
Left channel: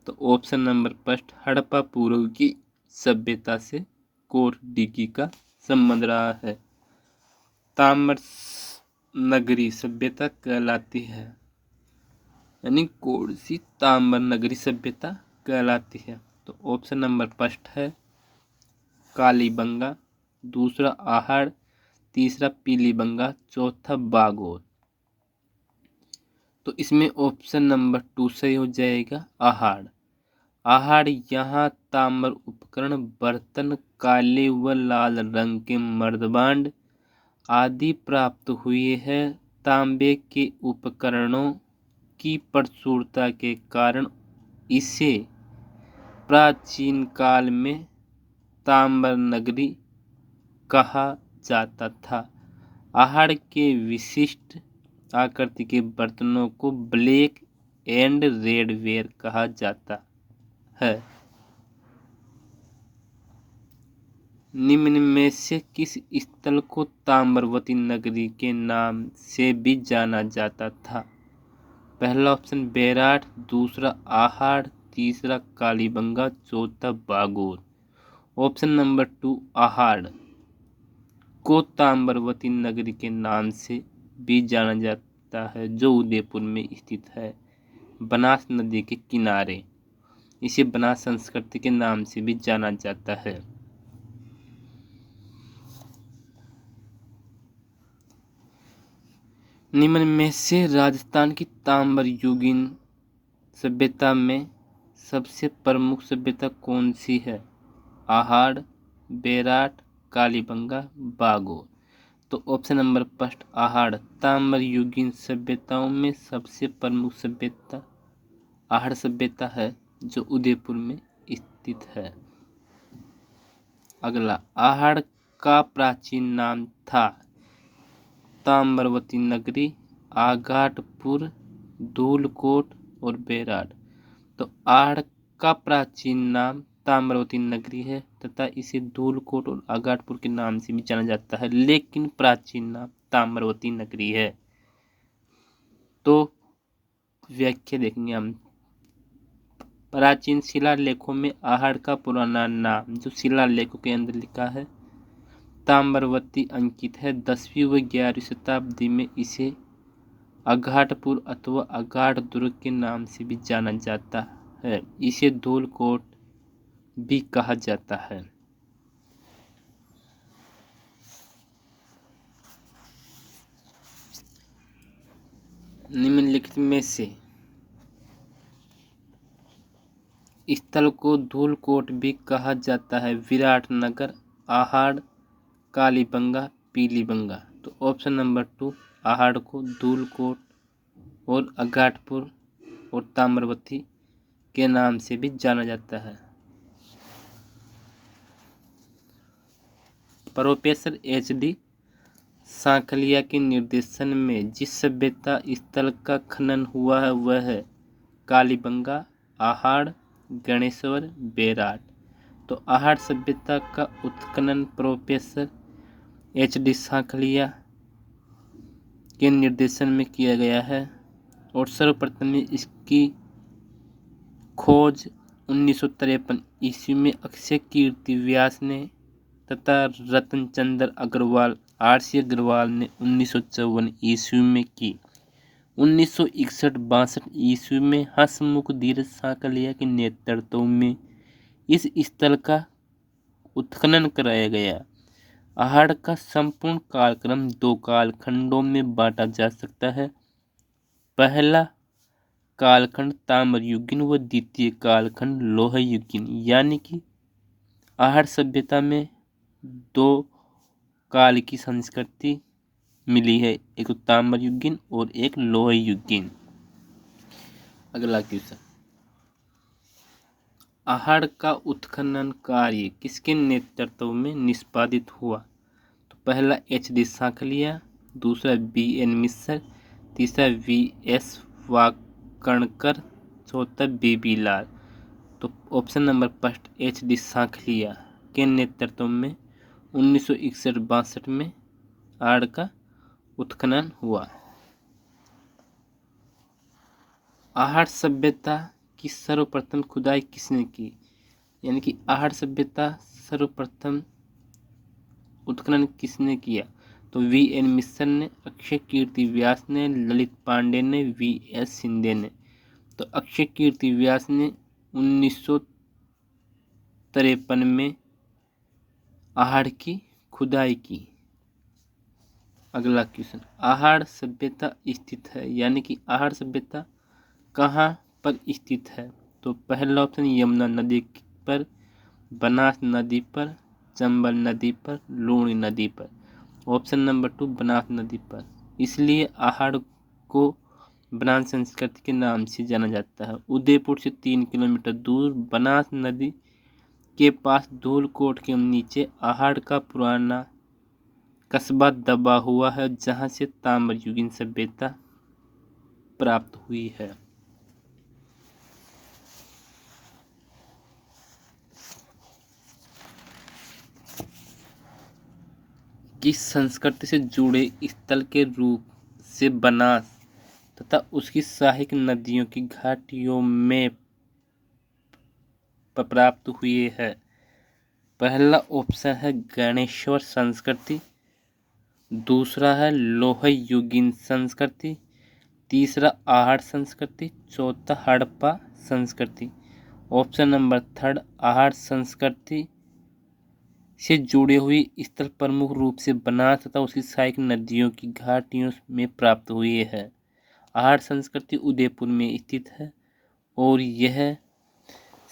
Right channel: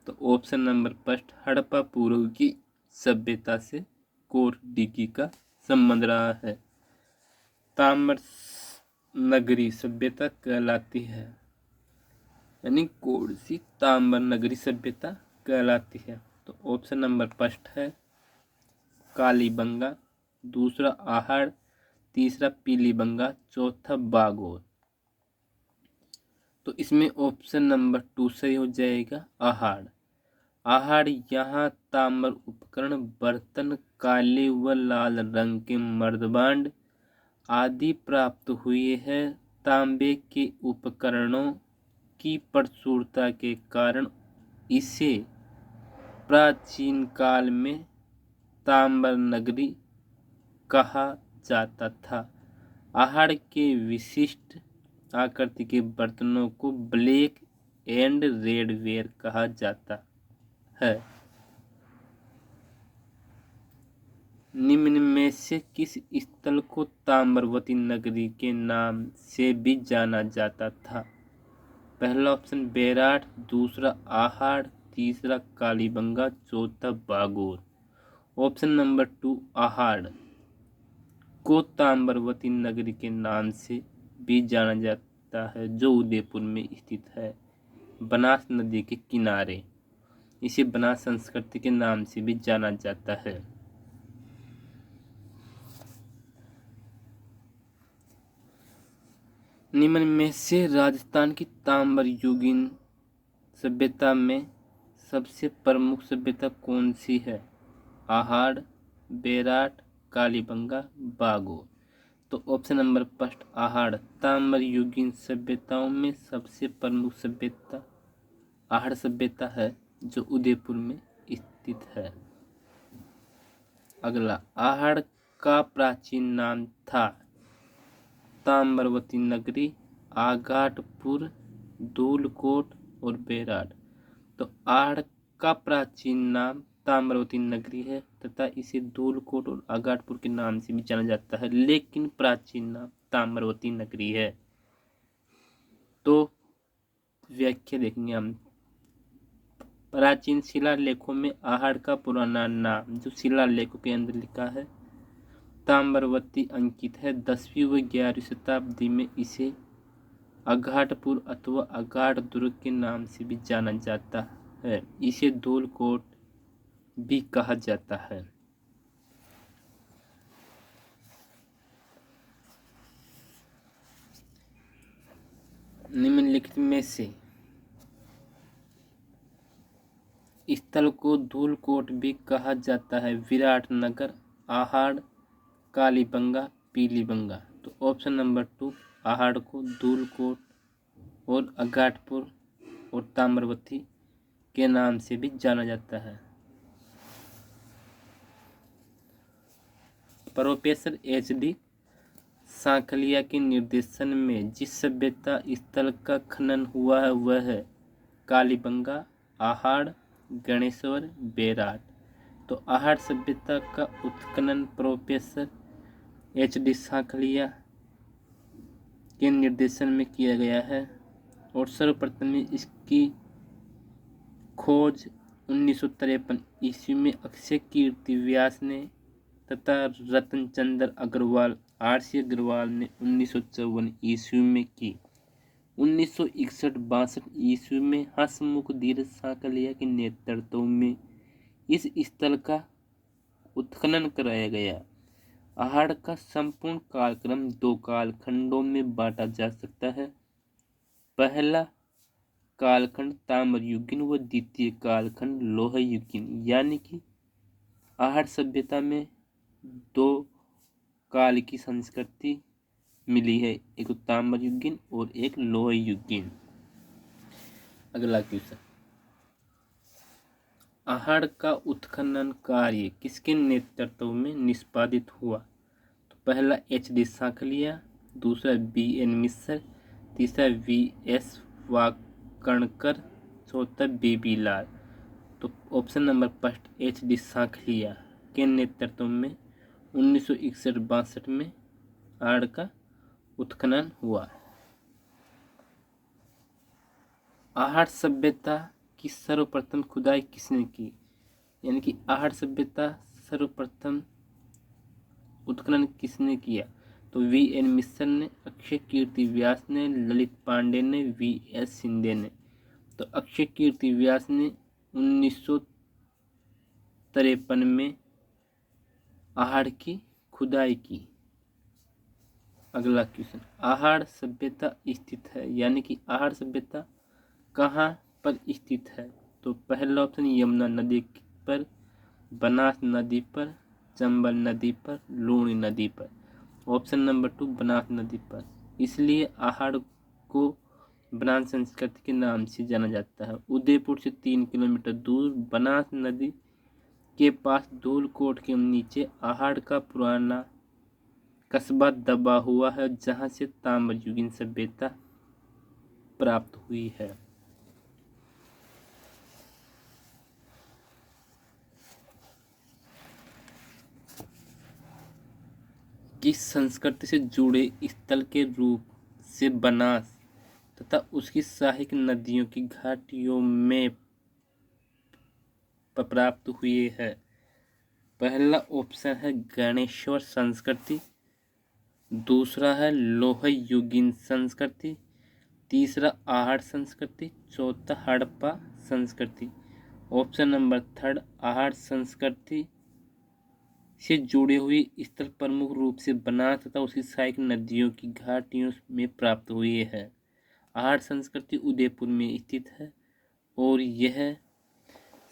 तो ऑप्शन नंबर फर्स्ट हड़प्पा पूर्व की सभ्यता से कोटदीगी का संबंध रहा है। ताम्र नगरी सभ्यता कहलाती है, यानी कौन सी ताम्र नगरी सभ्यता कहलाती है। तो ऑप्शन नंबर फर्स्ट है कालीबंगा, दूसरा आहड़, तीसरा पीलीबंगा, चौथा बागोर। तो इसमें ऑप्शन नंबर 2 सही हो जाएगा आहड़। आहड़ यहाँ ताम्र उपकरण, बर्तन, काले व लाल रंग के मर्दबांड आदि प्राप्त हुए हैं। तांबे के उपकरणों की प्रचुरता के कारण इसे प्राचीन काल में ताम्र नगरी कहा जाता था। आहड़ के विशिष्ट आकृति के बर्तनों को ब्लैक एंड रेड वेयर कहा जाता है। निम्न में से किस स्थल को ताम्रवती नगरी के नाम से भी जाना जाता था? पहला ऑप्शन बेराट, दूसरा आहड़, तीसरा कालीबंगा, चौथा बागोर। ऑप्शन नंबर 2 आहड़ को ताम्रवती नगरी के नाम से भी जाना जाता है, जो उदयपुर में स्थित है, बनास नदी के किनारे। इसे बनास संस्कृति के नाम से भी जाना जाता है। निम्न में से राजस्थान की ताम्र युगीन सभ्यता में सबसे प्रमुख सभ्यता कौन सी है? आहड़, बेराट, कालीबंगा, बागोर। तो ऑप्शन नंबर फर्स्ट आहड़। ताम्र युगीन सभ्यताओं में सबसे प्रमुख सभ्यता आहड़ सभ्यता है, जो उदयपुर में स्थित है। अगला, आहड़ का प्राचीन नाम था ताम्रवती नगरी, आगाटपुर, धूलकोट और बेराट। तो आहड़ का प्राचीन नाम ताम्रवती नगरी है तथा इसे धूलकोट और आगाटपुर के नाम से भी जाना जाता है, लेकिन प्राचीन नाम ताम्रवती नगरी है। तो व्याख्या देखेंगे हम। प्राचीन शिलालेखों में आहड़ का पुराना नाम, जो शिलालेखों के अंदर लिखा है, ताम्रवती अंकित है। 10वीं व 11वीं शताब्दी में इसे आगाटपुर अथवा आगाट दुर्ग के नाम से भी जाना जाता है। इसे धूलकोट भी कहा जाता है। निम्नलिखित में से स्थल को धूलकोट भी कहा जाता है? विराटनगर, आहड़, कालीबंगा, पीलीबंगा। तो ऑप्शन नंबर 2 आहड़ को धूलकोट और आगाटपुर और ताम्रवती के नाम से भी जाना जाता है। प्रोफेसर HD सांखलिया के निर्देशन में जिस सभ्यता स्थल का खनन हुआ है वह है कालीबंगा, आहड़, गणेश्वर, बेराट। तो आहड़ सभ्यता का उत्खनन प्रोफेसर HD सांखलिया के निर्देशन में किया गया है और सर्वप्रथम इसकी खोज 1953 ईस्वी में अक्षय कीर्ति व्यास ने तथा रतनचंद्र अग्रवाल, RC अग्रवाल ने 1954 ईस्वी में की। 1961-62 ईस्वी में हंसमुख धीरज सांखलिया के नेतृत्व में इस स्थल का उत्खनन कराया गया। आहड़ का संपूर्ण कालक्रम 2 कालखंडों में बांटा जा सकता है। पहला कालखंड ताम्र युगीन व द्वितीय कालखंड लोह युगीन। यानी कि आहड़ सभ्यता में दो काल की संस्कृति मिली है, एक ताम्र युगीन और एक लोह युगीन। अगला क्वेश्चन, आहड़ का उत्खनन कार्य किसके नेतृत्व में निष्पादित हुआ? तो पहला HD सांखलिया, दूसरा BN मिश्र, तीसरा VS वाकणकर, चौथा BB लाल। तो option number first HD Sankhalia के नेतृत्व में 1961-62 में आहड़ का उत्खनन हुआ। आहड़ सभ्यता की सर्वप्रथम खुदाई किसने की? यानी कि आहड़ सभ्यता सर्वप्रथम उत्खनन किसने किया? तो VN मिश्र ने, अक्षय कीर्ति व्यास ने, ललित पांडे ने, VS शिंदे ने। तो अक्षय कीर्ति व्यास ने 1953 में आहड़ की खुदाई की। अगला क्वेश्चन, आहड़ सभ्यता स्थित है, यानी कि आहड़ सभ्यता कहाँ पर स्थित है? तो पहला ऑप्शन यमुना नदी पर, बनास नदी पर, चंबल नदी पर, लूणी नदी पर। ऑप्शन नंबर 2 बनास नदी पर। इसलिए आहड़ को बनास संस्कृति के नाम से जाना जाता है। उदयपुर से 3 किलोमीटर दूर बनास नदी के पास धूलकोट के नीचे आहड़ का पुराना कस्बा दबा हुआ है, जहां से ताम्रयुगीन सभ्यता प्राप्त हुई है। किस संस्कृति से जुड़े स्थल के रूप से बनास तथा उसकी सहायक नदियों की घाटियों में प्राप्त हुए है? पहला ऑप्शन है गणेश्वर संस्कृति, दूसरा है लोह युगीन संस्कृति, तीसरा आहड़ संस्कृति, चौथा हड़प्पा संस्कृति। ऑप्शन नंबर थर्ड आहड़ संस्कृति से जुड़े हुए स्थल प्रमुख रूप से बनास तथा उसकी सहायक नदियों की घाटियों में प्राप्त हुए हैं। आहड़ संस्कृति उदयपुर में स्थित है और यह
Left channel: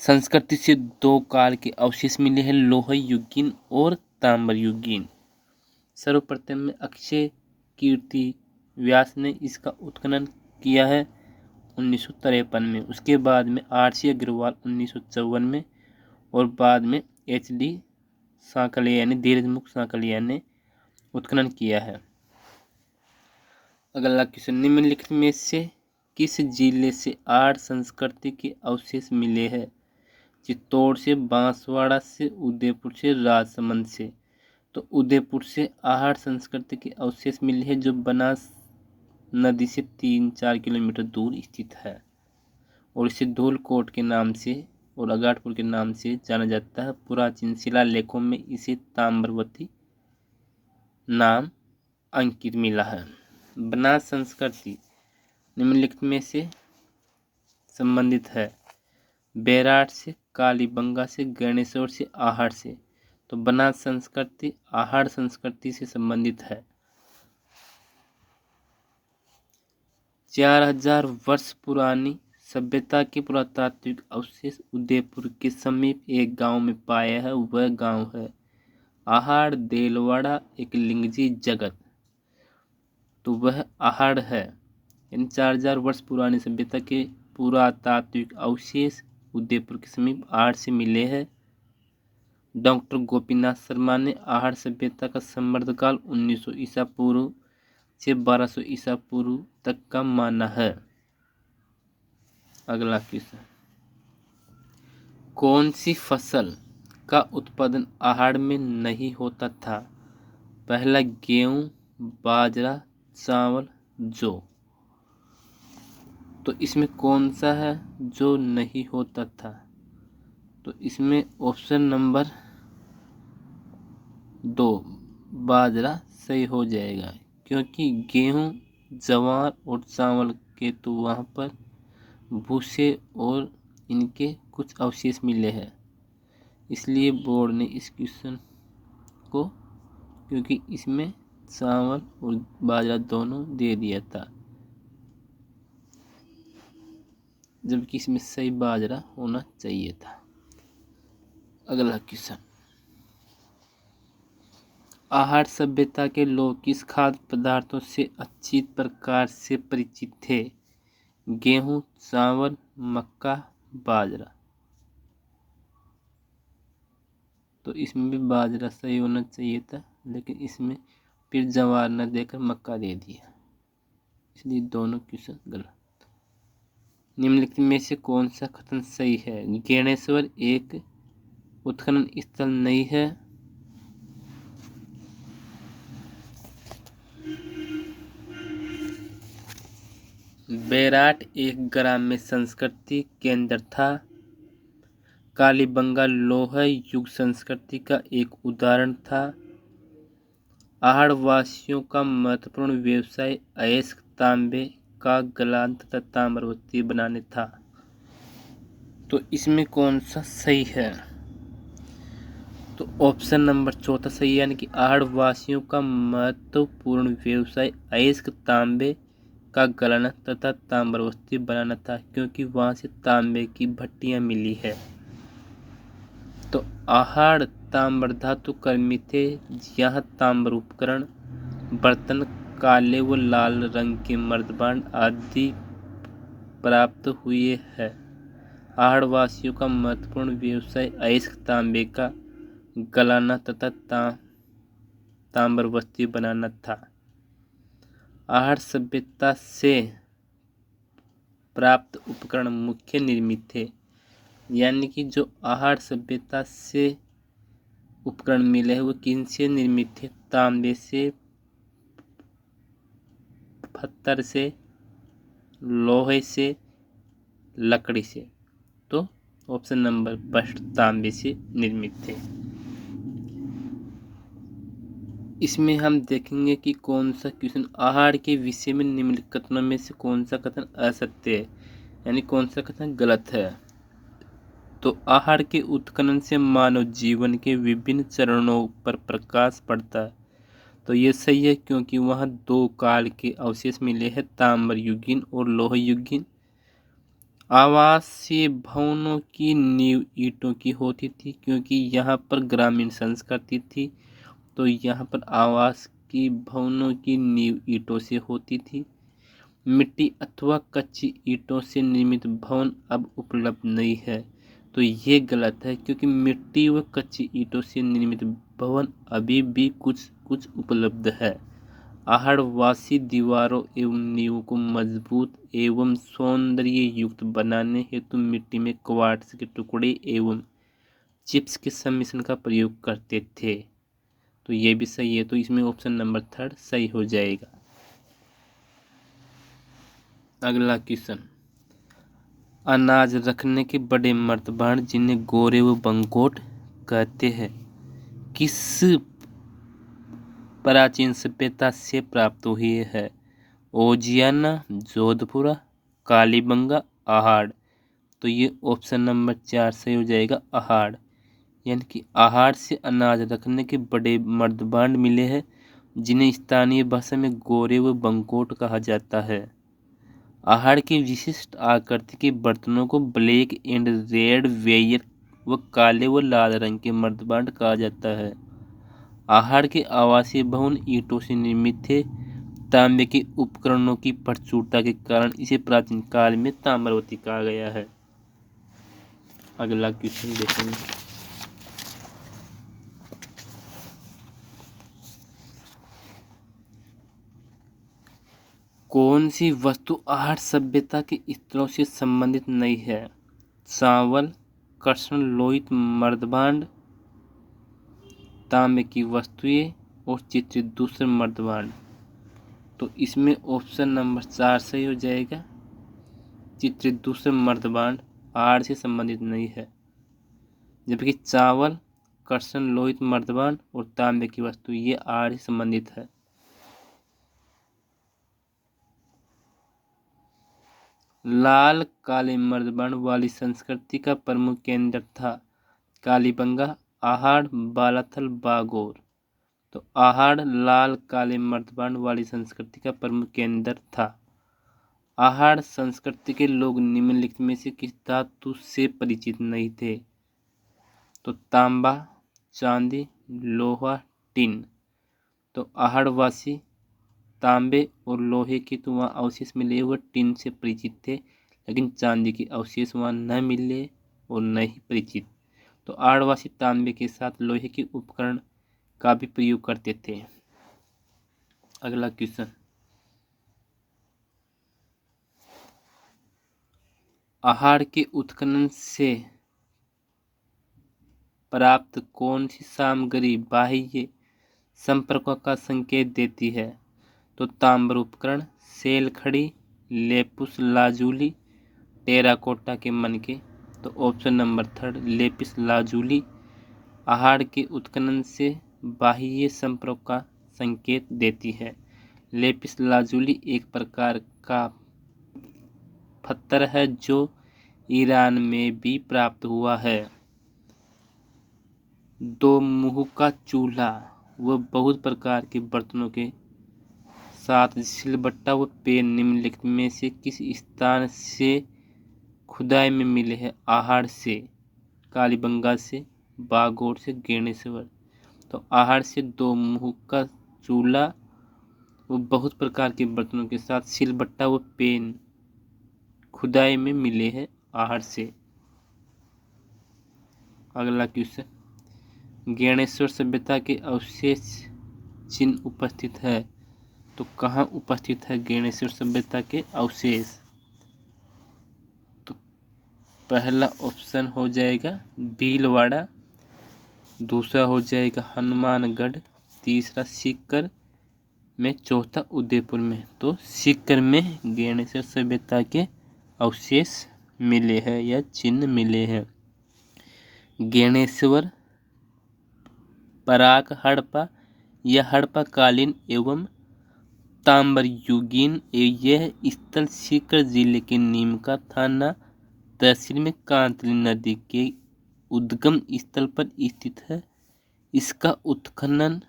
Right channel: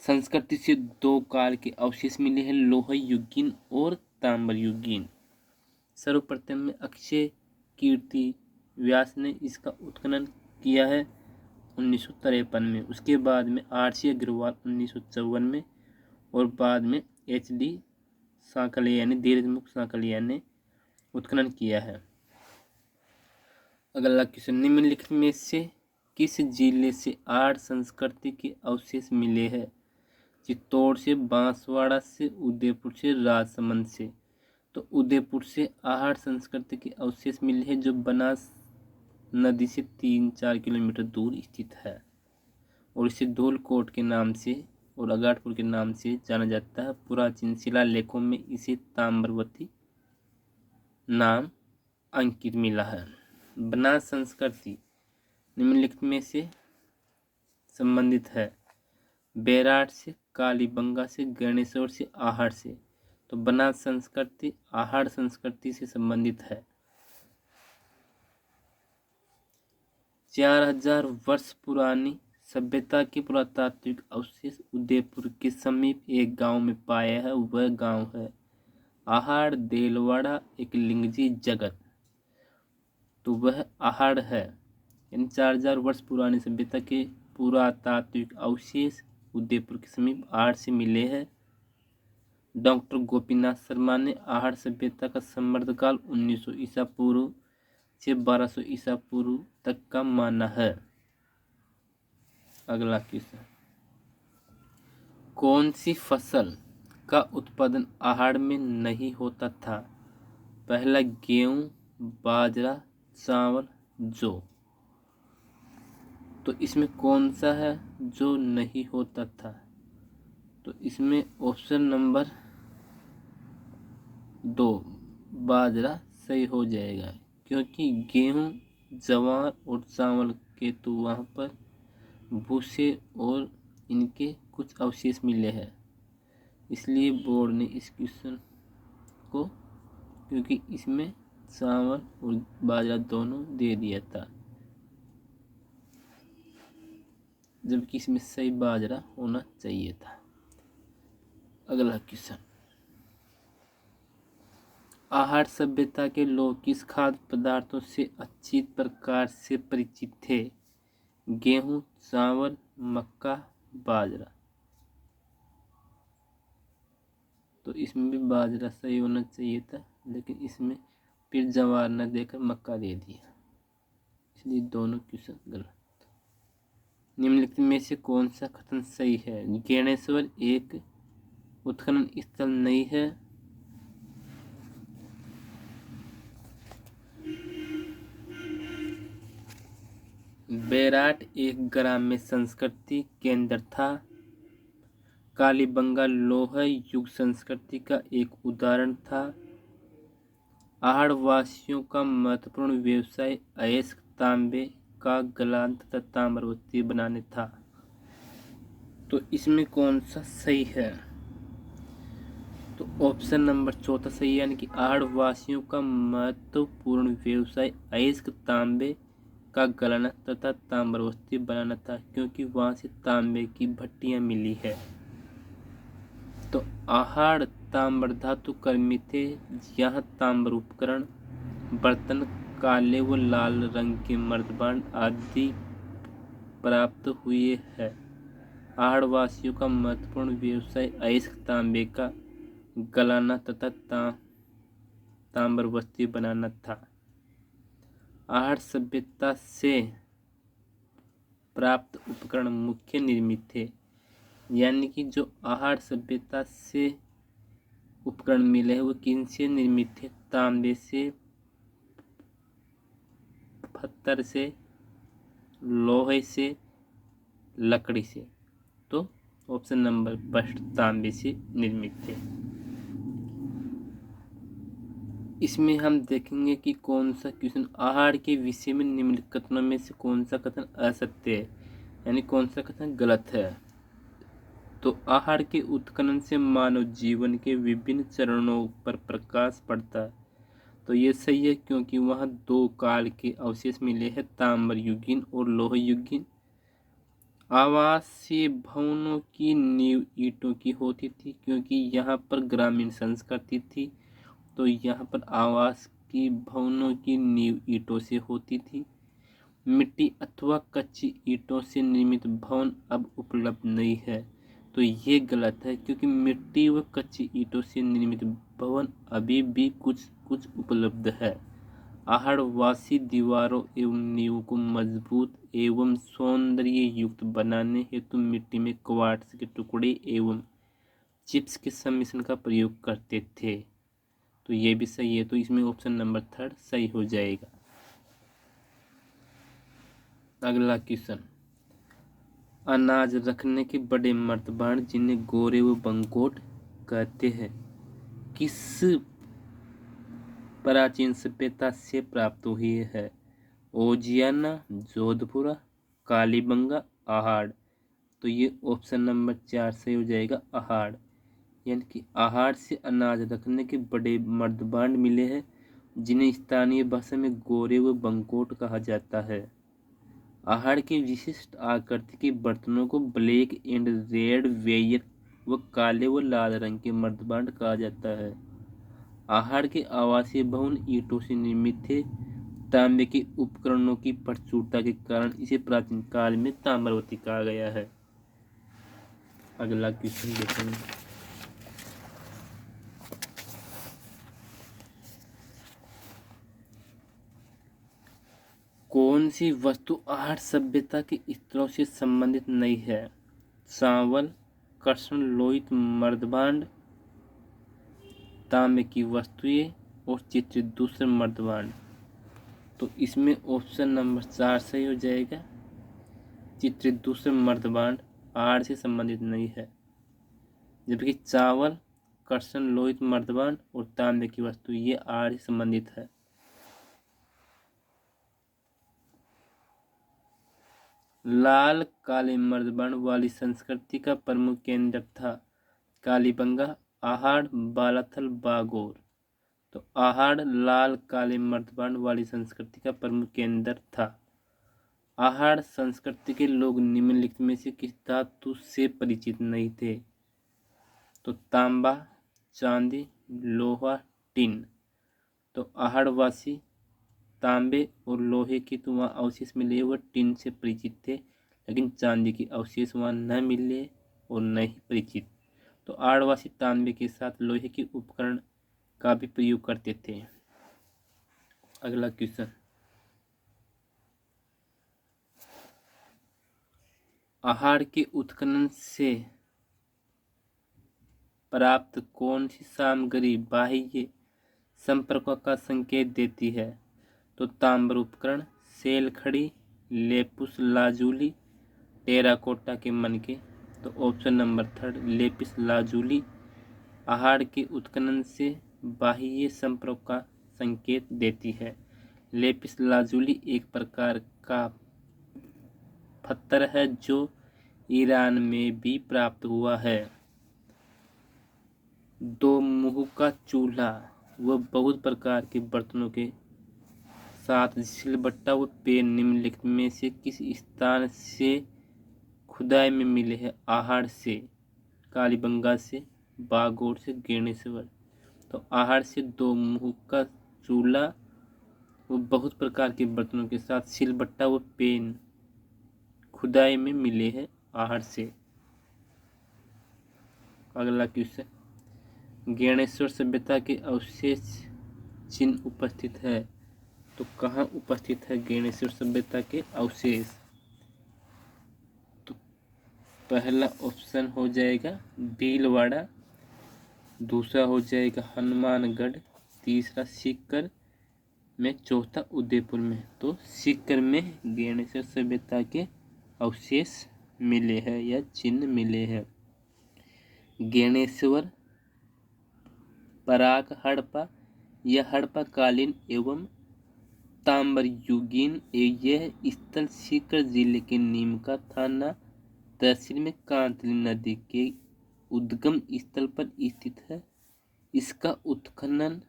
संस्कृति से दो काल के अवशेष मिले हैं, लोह युगीन और ताम्र युगीन। सर्वप्रथम में अक्षय कीर्ति व्यास ने इसका उत्खनन किया है 1953 में। उसके बाद में RC अग्रवाल 1954 में और बाद में HD सांकलिया यानी धीरजमुख सांकलिया ने उत्खनन किया है। अगला क्वेश्चन, निम्नलिखित में से किस जिले से आहड़ संस्कृति के अवशेष मिले हैं? चित्तौड़ से, बांसवाड़ा से, उदयपुर से, राजसमंद से। तो उदयपुर से आहड़ संस्कृति के अवशेष मिले हैं, जो बनास नदी से 3-4 किलोमीटर दूर स्थित है और इसे धूलकोट के नाम से और अगाटपुर के नाम से जाना जाता है। पुराचीन शिलालेखों में इसे ताम्रवती नाम अंकित मिला है। बनास संस्कृति निम्नलिखित में से संबंधित है? बैराट से, कालीबंगा से, गणेश्वर से, आहड़ से। तो बनास संस्कृति आहड़ संस्कृति से संबंधित है। 4000 वर्ष पुरानी सभ्यता के पुरातात्विक अवशेष उदयपुर के समीप एक गांव में पाया है। वह गांव है आहड़ देलवाड़ा एकलिंगजी जगत। तो वह आहड़ है। इन 4000 वर्ष पुरानी सभ्यता के पुरातात्विक अवशेष उदयपुर के समीप आहड़ से मिले हैं। डॉक्टर गोपीनाथ शर्मा ने आहड़ सभ्यता का समृद्धकाल 1900 ईसा पूर्व से 1200 ईसा पूर्व तक का माना है। अगला क्वेश्चन, कौन सी फसल का उत्पादन आहड़ में नहीं होता था? पहला गेहूं, बाजरा, चावल, जौ। तो इसमें कौन सा है जो नहीं होता था? तो इसमें ऑप्शन नंबर 2 बाजरा सही हो जाएगा, क्योंकि गेहूं, ज्वार और चावल के तो वहाँ पर भूसे और इनके कुछ अवशेष मिले हैं, इसलिए बोर्ड ने इस क्वेश्चन को, क्योंकि इसमें चावल और बाजरा दोनों दे दिया था। जबकि इसमें सही बाजरा होना चाहिए था। अगला क्वेश्चन, आहार सभ्यता के लोग किस खाद्य पदार्थों से अच्छी प्रकार से परिचित थे? गेहूं, चावल, मक्का, बाजरा। तो इसमें भी बाजरा सही होना चाहिए था, लेकिन इसमें फिर जवार न देकर मक्का दे दिया, इसलिए दोनों क्वेश्चन गलत। निम्नलिखित में से कौन सा कथन सही है? ज्ञानेश्वर एक उत्खनन स्थल नहीं है। बैराट एक ग्राम्य संस्कृति केंद्र था। कालीबंगा लौह युग संस्कृति का एक उदाहरण था। आहड़वासियों का महत्वपूर्ण व्यवसाय अयस्क तांबे का गलान तथा ताम्रवती बनाने था। तो इसमें कौन सा सही है? तो ऑप्शन नंबर चौथा सही है, यानी कि आहड़वासियों का महत्वपूर्ण व्यवसाय अयस्क तांबे का गलाना तथा ताम्रवती बनाना था, क्योंकि वहां से तांबे की भट्टियां मिली है। तो आहड़ ताम्र धातु कर्मी थे। यहाँ ताम्र उपकरण, बर्तन, काले व लाल रंग के मर्दबान आदि प्राप्त हुए हैं। आहड़वासियों का महत्वपूर्ण व्यवसाय अयस्क तांबे का गलाना तथा ताम्रवती बनाना था। आहड़ सभ्यता से प्राप्त उपकरण मुख्य निर्मित थे, यानी कि जो आहड़ सभ्यता से उपकरण मिले हैं वो किनसे निर्मित थे? तांबे से, पत्थर से, लोहे से, लकड़ी से। तो ऑप्शन नंबर फर्स्ट तांबे से निर्मित थे। इसमें हम देखेंगे कि कौन सा क्वेश्चन आहार के विषय में निम्नलिखित कथनों में से कौन सा कथन असत्य है, यानी कौन सा कथन गलत है। तो आहार के उत्खनन से मानव जीवन के विभिन्न चरणों पर प्रकाश पड़ता है। तो ये सही है, क्योंकि वहाँ दो काल के अवशेष मिले हैं, ताम्र युगीन और लौह युगीन। आवासीय भवनों की नींव ईंटों की होती थी, क्योंकि यहाँ पर ग्रामीण संस्कृति थी। तो यहाँ पर आवास की भवनों की नींव ईंटों से होती थी। मिट्टी अथवा कच्ची ईंटों से निर्मित भवन अब उपलब्ध नहीं है। तो ये गलत है, क्योंकि मिट्टी व कच्ची ईंटों से निर्मित भवन अभी भी कुछ कुछ उपलब्ध है। आहड़वासी दीवारों एवं नींव को मजबूत एवं सौंदर्य युक्त बनाने हेतु मिट्टी में क्वार्ट्ज के टुकड़े एवं चिप्स के सम्मिश्रण का प्रयोग करते थे। तो ये भी सही है, तो इसमें ऑप्शन नंबर थर्ड सही हो जाएगा। अगला क्वेश्चन, अनाज रखने के बड़े मर्तबान जिन्हें गोरे व बंगोट कहते हैं, किस प्राचीन सभ्यता से प्राप्त हुए है? ओजियाना, जोधपुरा, कालीबंगा, आहाड़। तो ये ऑप्शन नंबर 4 सही हो जाएगा, आहाड़। यानी कि आहाड़ से अनाज रखने के बड़े मर्दबांड मिले हैं, जिन्हें स्थानीय भाषा में गोरे व बंकोट कहा जाता है। आहाड़ के विशिष्ट आकृति के बर्तनों को ब्लैक एंड रेड वेयर व काले व लाल रंग के मर्दबांड कहा जाता है। आहाड़ के आवासीय भवन ईंटों से निर्मित थे। तांबे के उपकरणों की प्रचुरता के कारण इसे प्राचीन काल में ताम्रवती कहा गया है। अगला क्वेश्चन देखेंगे, कौन सी वस्तु आहार सभ्यता के स्तरों से संबंधित नहीं है? चावल, कृष्ण लोहित मर्दबांड, तांबे की वस्तुएं और चित्रित दूसरे मर्दबांड। तो इसमें ऑप्शन नंबर 4 सही हो जाएगा, चित्रित दूसरे मर्दबांड आहार से संबंधित नहीं है, जबकि चावल, कृष्ण लोहित मर्दबांड और तांबे की वस्तु ये आहार से संबंधित है। लाल काले मर्दबांड वाली संस्कृति का प्रमुख केंद्र था कालीबंगा, आहाड़, बालाथल, बागोर। तो आहाड़ लाल काले मर्दबांड वाली संस्कृति का प्रमुख केंद्र था। आहार संस्कृति के लोग निम्नलिखित में से किस धातु से परिचित नहीं थे? तो तांबा, चांदी, लोहा, टिन। तो आहारवासी तांबे और लोहे के तो वहाँ अवशेष मिले, वह टिन से परिचित थे, लेकिन चांदी के अवशेष वहाँ न मिले और न ही परिचित। तो आहारवासी तांबे के साथ लोहे के उपकरण का भी प्रयोग करते थे। अगला क्वेश्चन, आहार के उत्खनन से प्राप्त कौन सी सामग्री बाह्य संपर्कों का संकेत देती है? तो ताम्र उपकरण, सेल खड़ी, लेपिस लाजुली, टेराकोटा के मनके। तो ऑप्शन नंबर 3 लेपिस लाजुली आहार के उत्खनन से बाह्य संपर्क का संकेत देती है। लेपिस लाजुली एक प्रकार का पत्थर है जो ईरान में भी प्राप्त हुआ है। दो मुंह का चूल्हा व बहुत प्रकार के बर्तनों के साथ सिलबट्टा व पेन निम्नलिखित में से किस स्थान से खुदाई में मिले हैं? आहार से, कालीबंगा से, बागोड़ से, गेणेश्वर। तो आहार से दो मुंह का चूल्हा व बहुत प्रकार के बर्तनों के साथ सिलबट्टा व पेन खुदाई में मिले हैं आहार से। अगला क्वेश्चन, ज्ञानेश्वर सभ्यता के अवशेष चिन्ह उपस्थित है। तो कहाँ उपस्थित है ज्ञानेश्वर सभ्यता के अवशेष? तो पहला ऑप्शन हो जाएगा भीलवाड़ा, दूसरा हो जाएगा हनुमानगढ़, तीसरा सीकर में, चौथा उदयपुर में। तो सीकर में ज्ञानेश्वर सभ्यता के अवशेष मिले हैं या चिन्ह मिले हैं। ज्ञानेश्वर पराक हड़प्पा या हड़प्पा कालीन एवं ताम्रयुगीन यह स्थल सीकर जिले के नीमका थाना तहसील में कांतली नदी के उद्गम स्थल पर स्थित है। इसका उत्खनन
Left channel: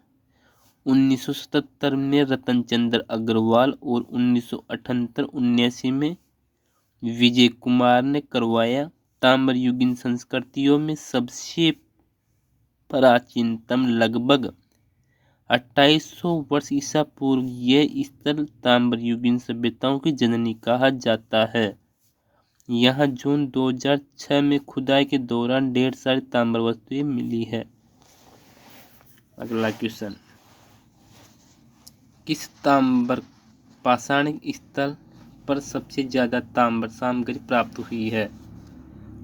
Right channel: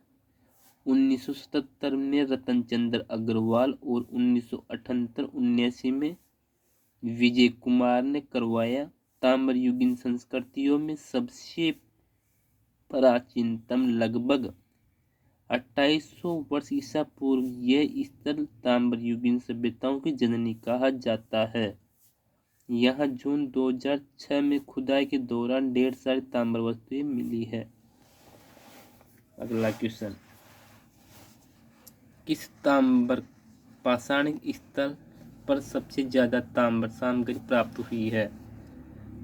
1977 में रतनचंद्र अग्रवाल और 1978-79 में विजय कुमार ने करवाया। ताम्रयुगीन संस्कृतियों में सबसे प्राचीनतम लगभग 2800 वर्ष ईसा पूर्व यह स्थल ताम्रयुगीन सभ्यताओं की जननी कहा जाता है। यहाँ जून 2006 में खुदाई के दौरान ढेर सारी ताम्र वस्तुएं मिली है। अगला क्वेश्चन, किस ताम्र पाषाणिक स्थल पर सबसे ज्यादा ताम्र सामग्री प्राप्त हुई है?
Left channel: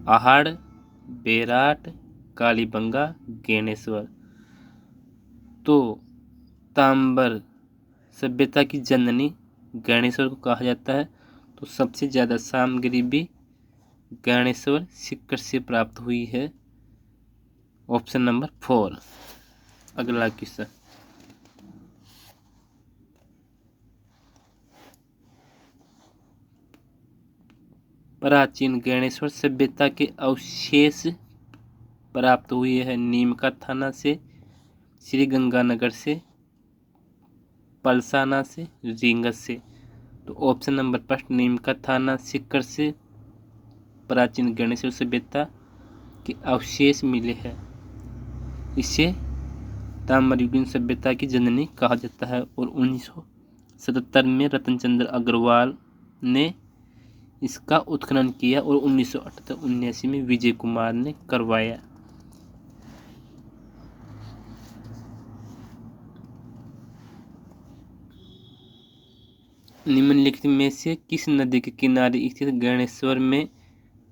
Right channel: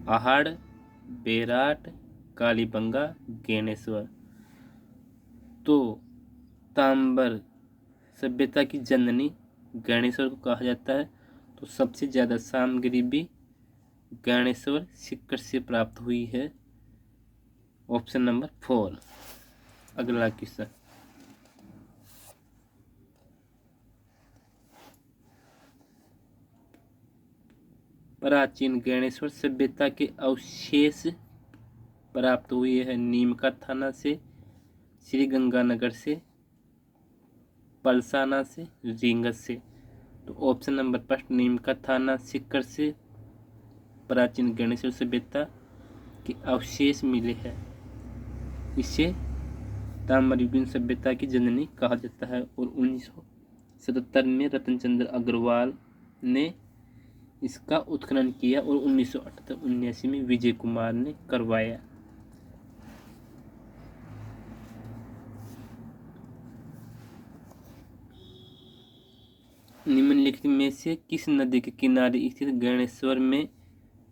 आहाड़, बेराट, कालीबंगा, ज्ञानेश्वर। तो ताम्र सभ्यता की जननी ज्ञानेश्वर को कहा जाता है। तो सबसे ज्यादा सामग्री भी ज्ञानेश्वर सीकर से प्राप्त हुई है। Option number 4। अगला क्वेश्चन, प्राचीन ज्ञानेश्वर सभ्यता के अवशेष प्राप्त हुए हैं नीमका थाना से, श्री गंगानगर से, पलसाना से, रींगस से। तो ऑप्शन नंबर 1 नीमका थाना सीकर से प्राचीन ज्ञानेश्वर सभ्यता के अवशेष मिले हैं। इसे ताम्रयुगीन सभ्यता की जननी कहा जाता है और 1977 में रतनचंद्र अग्रवाल ने इसका उत्खनन किया और 1978-79 में विजय कुमार ने करवाया। निम्नलिखित में से किस नदी के किनारे स्थित ज्ञानेश्वर में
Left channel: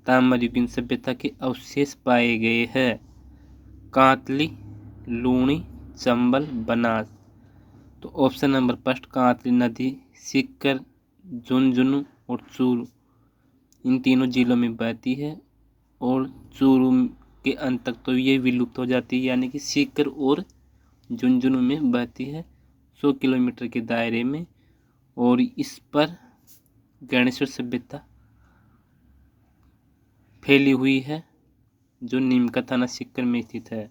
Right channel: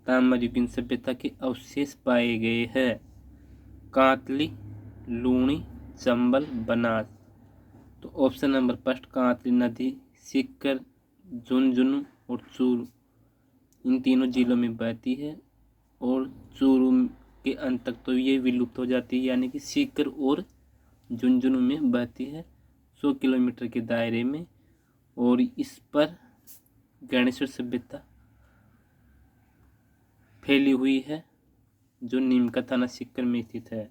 ताम्रयुगीन सभ्यता के अवशेष पाए गए हैं? कांतली, लूणी, चंबल, बनास। तो ऑप्शन नंबर 1 कांतली नदी सीकर, झुंझुनू और चूरू इन तीनों जिलों में बहती है और चूरू के अंत तक तो ये विलुप्त हो जाती है, यानी कि सीकर और झुंझुनू में बहती है 100 किलोमीटर के दायरे में। और इस पर ज्ञानेश्वर सभ्यता फैली हुई है जो नीमका थाना सीकर में स्थित है।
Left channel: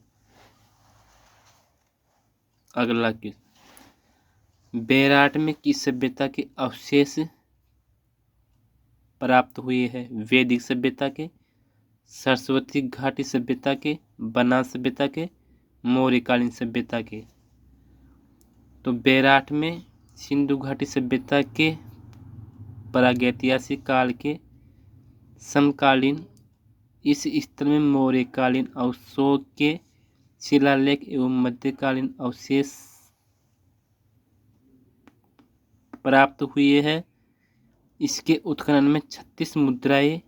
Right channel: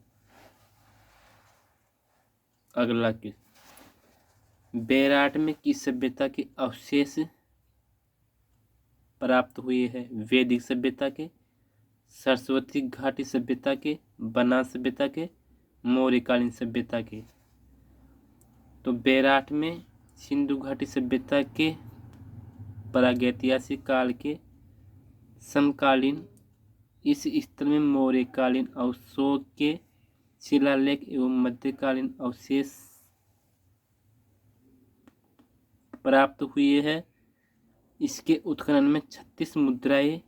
अगला क्वेश्चन, बेराट में किस सभ्यता के अवशेष प्राप्त हुए हैं? वैदिक सभ्यता के, सरस्वती घाटी सभ्यता के, बनास सभ्यता के, मौर्यकालीन सभ्यता के। तो बेराट में सिंधु घाटी सभ्यता के, प्रागैतिहासिक काल के, समकालीन, इस स्थल में मौर्यकालीन अशोक के शिलालेख एवं मध्यकालीन अवशेष प्राप्त हुए हैं। इसके उत्खनन में 36 मुद्राएं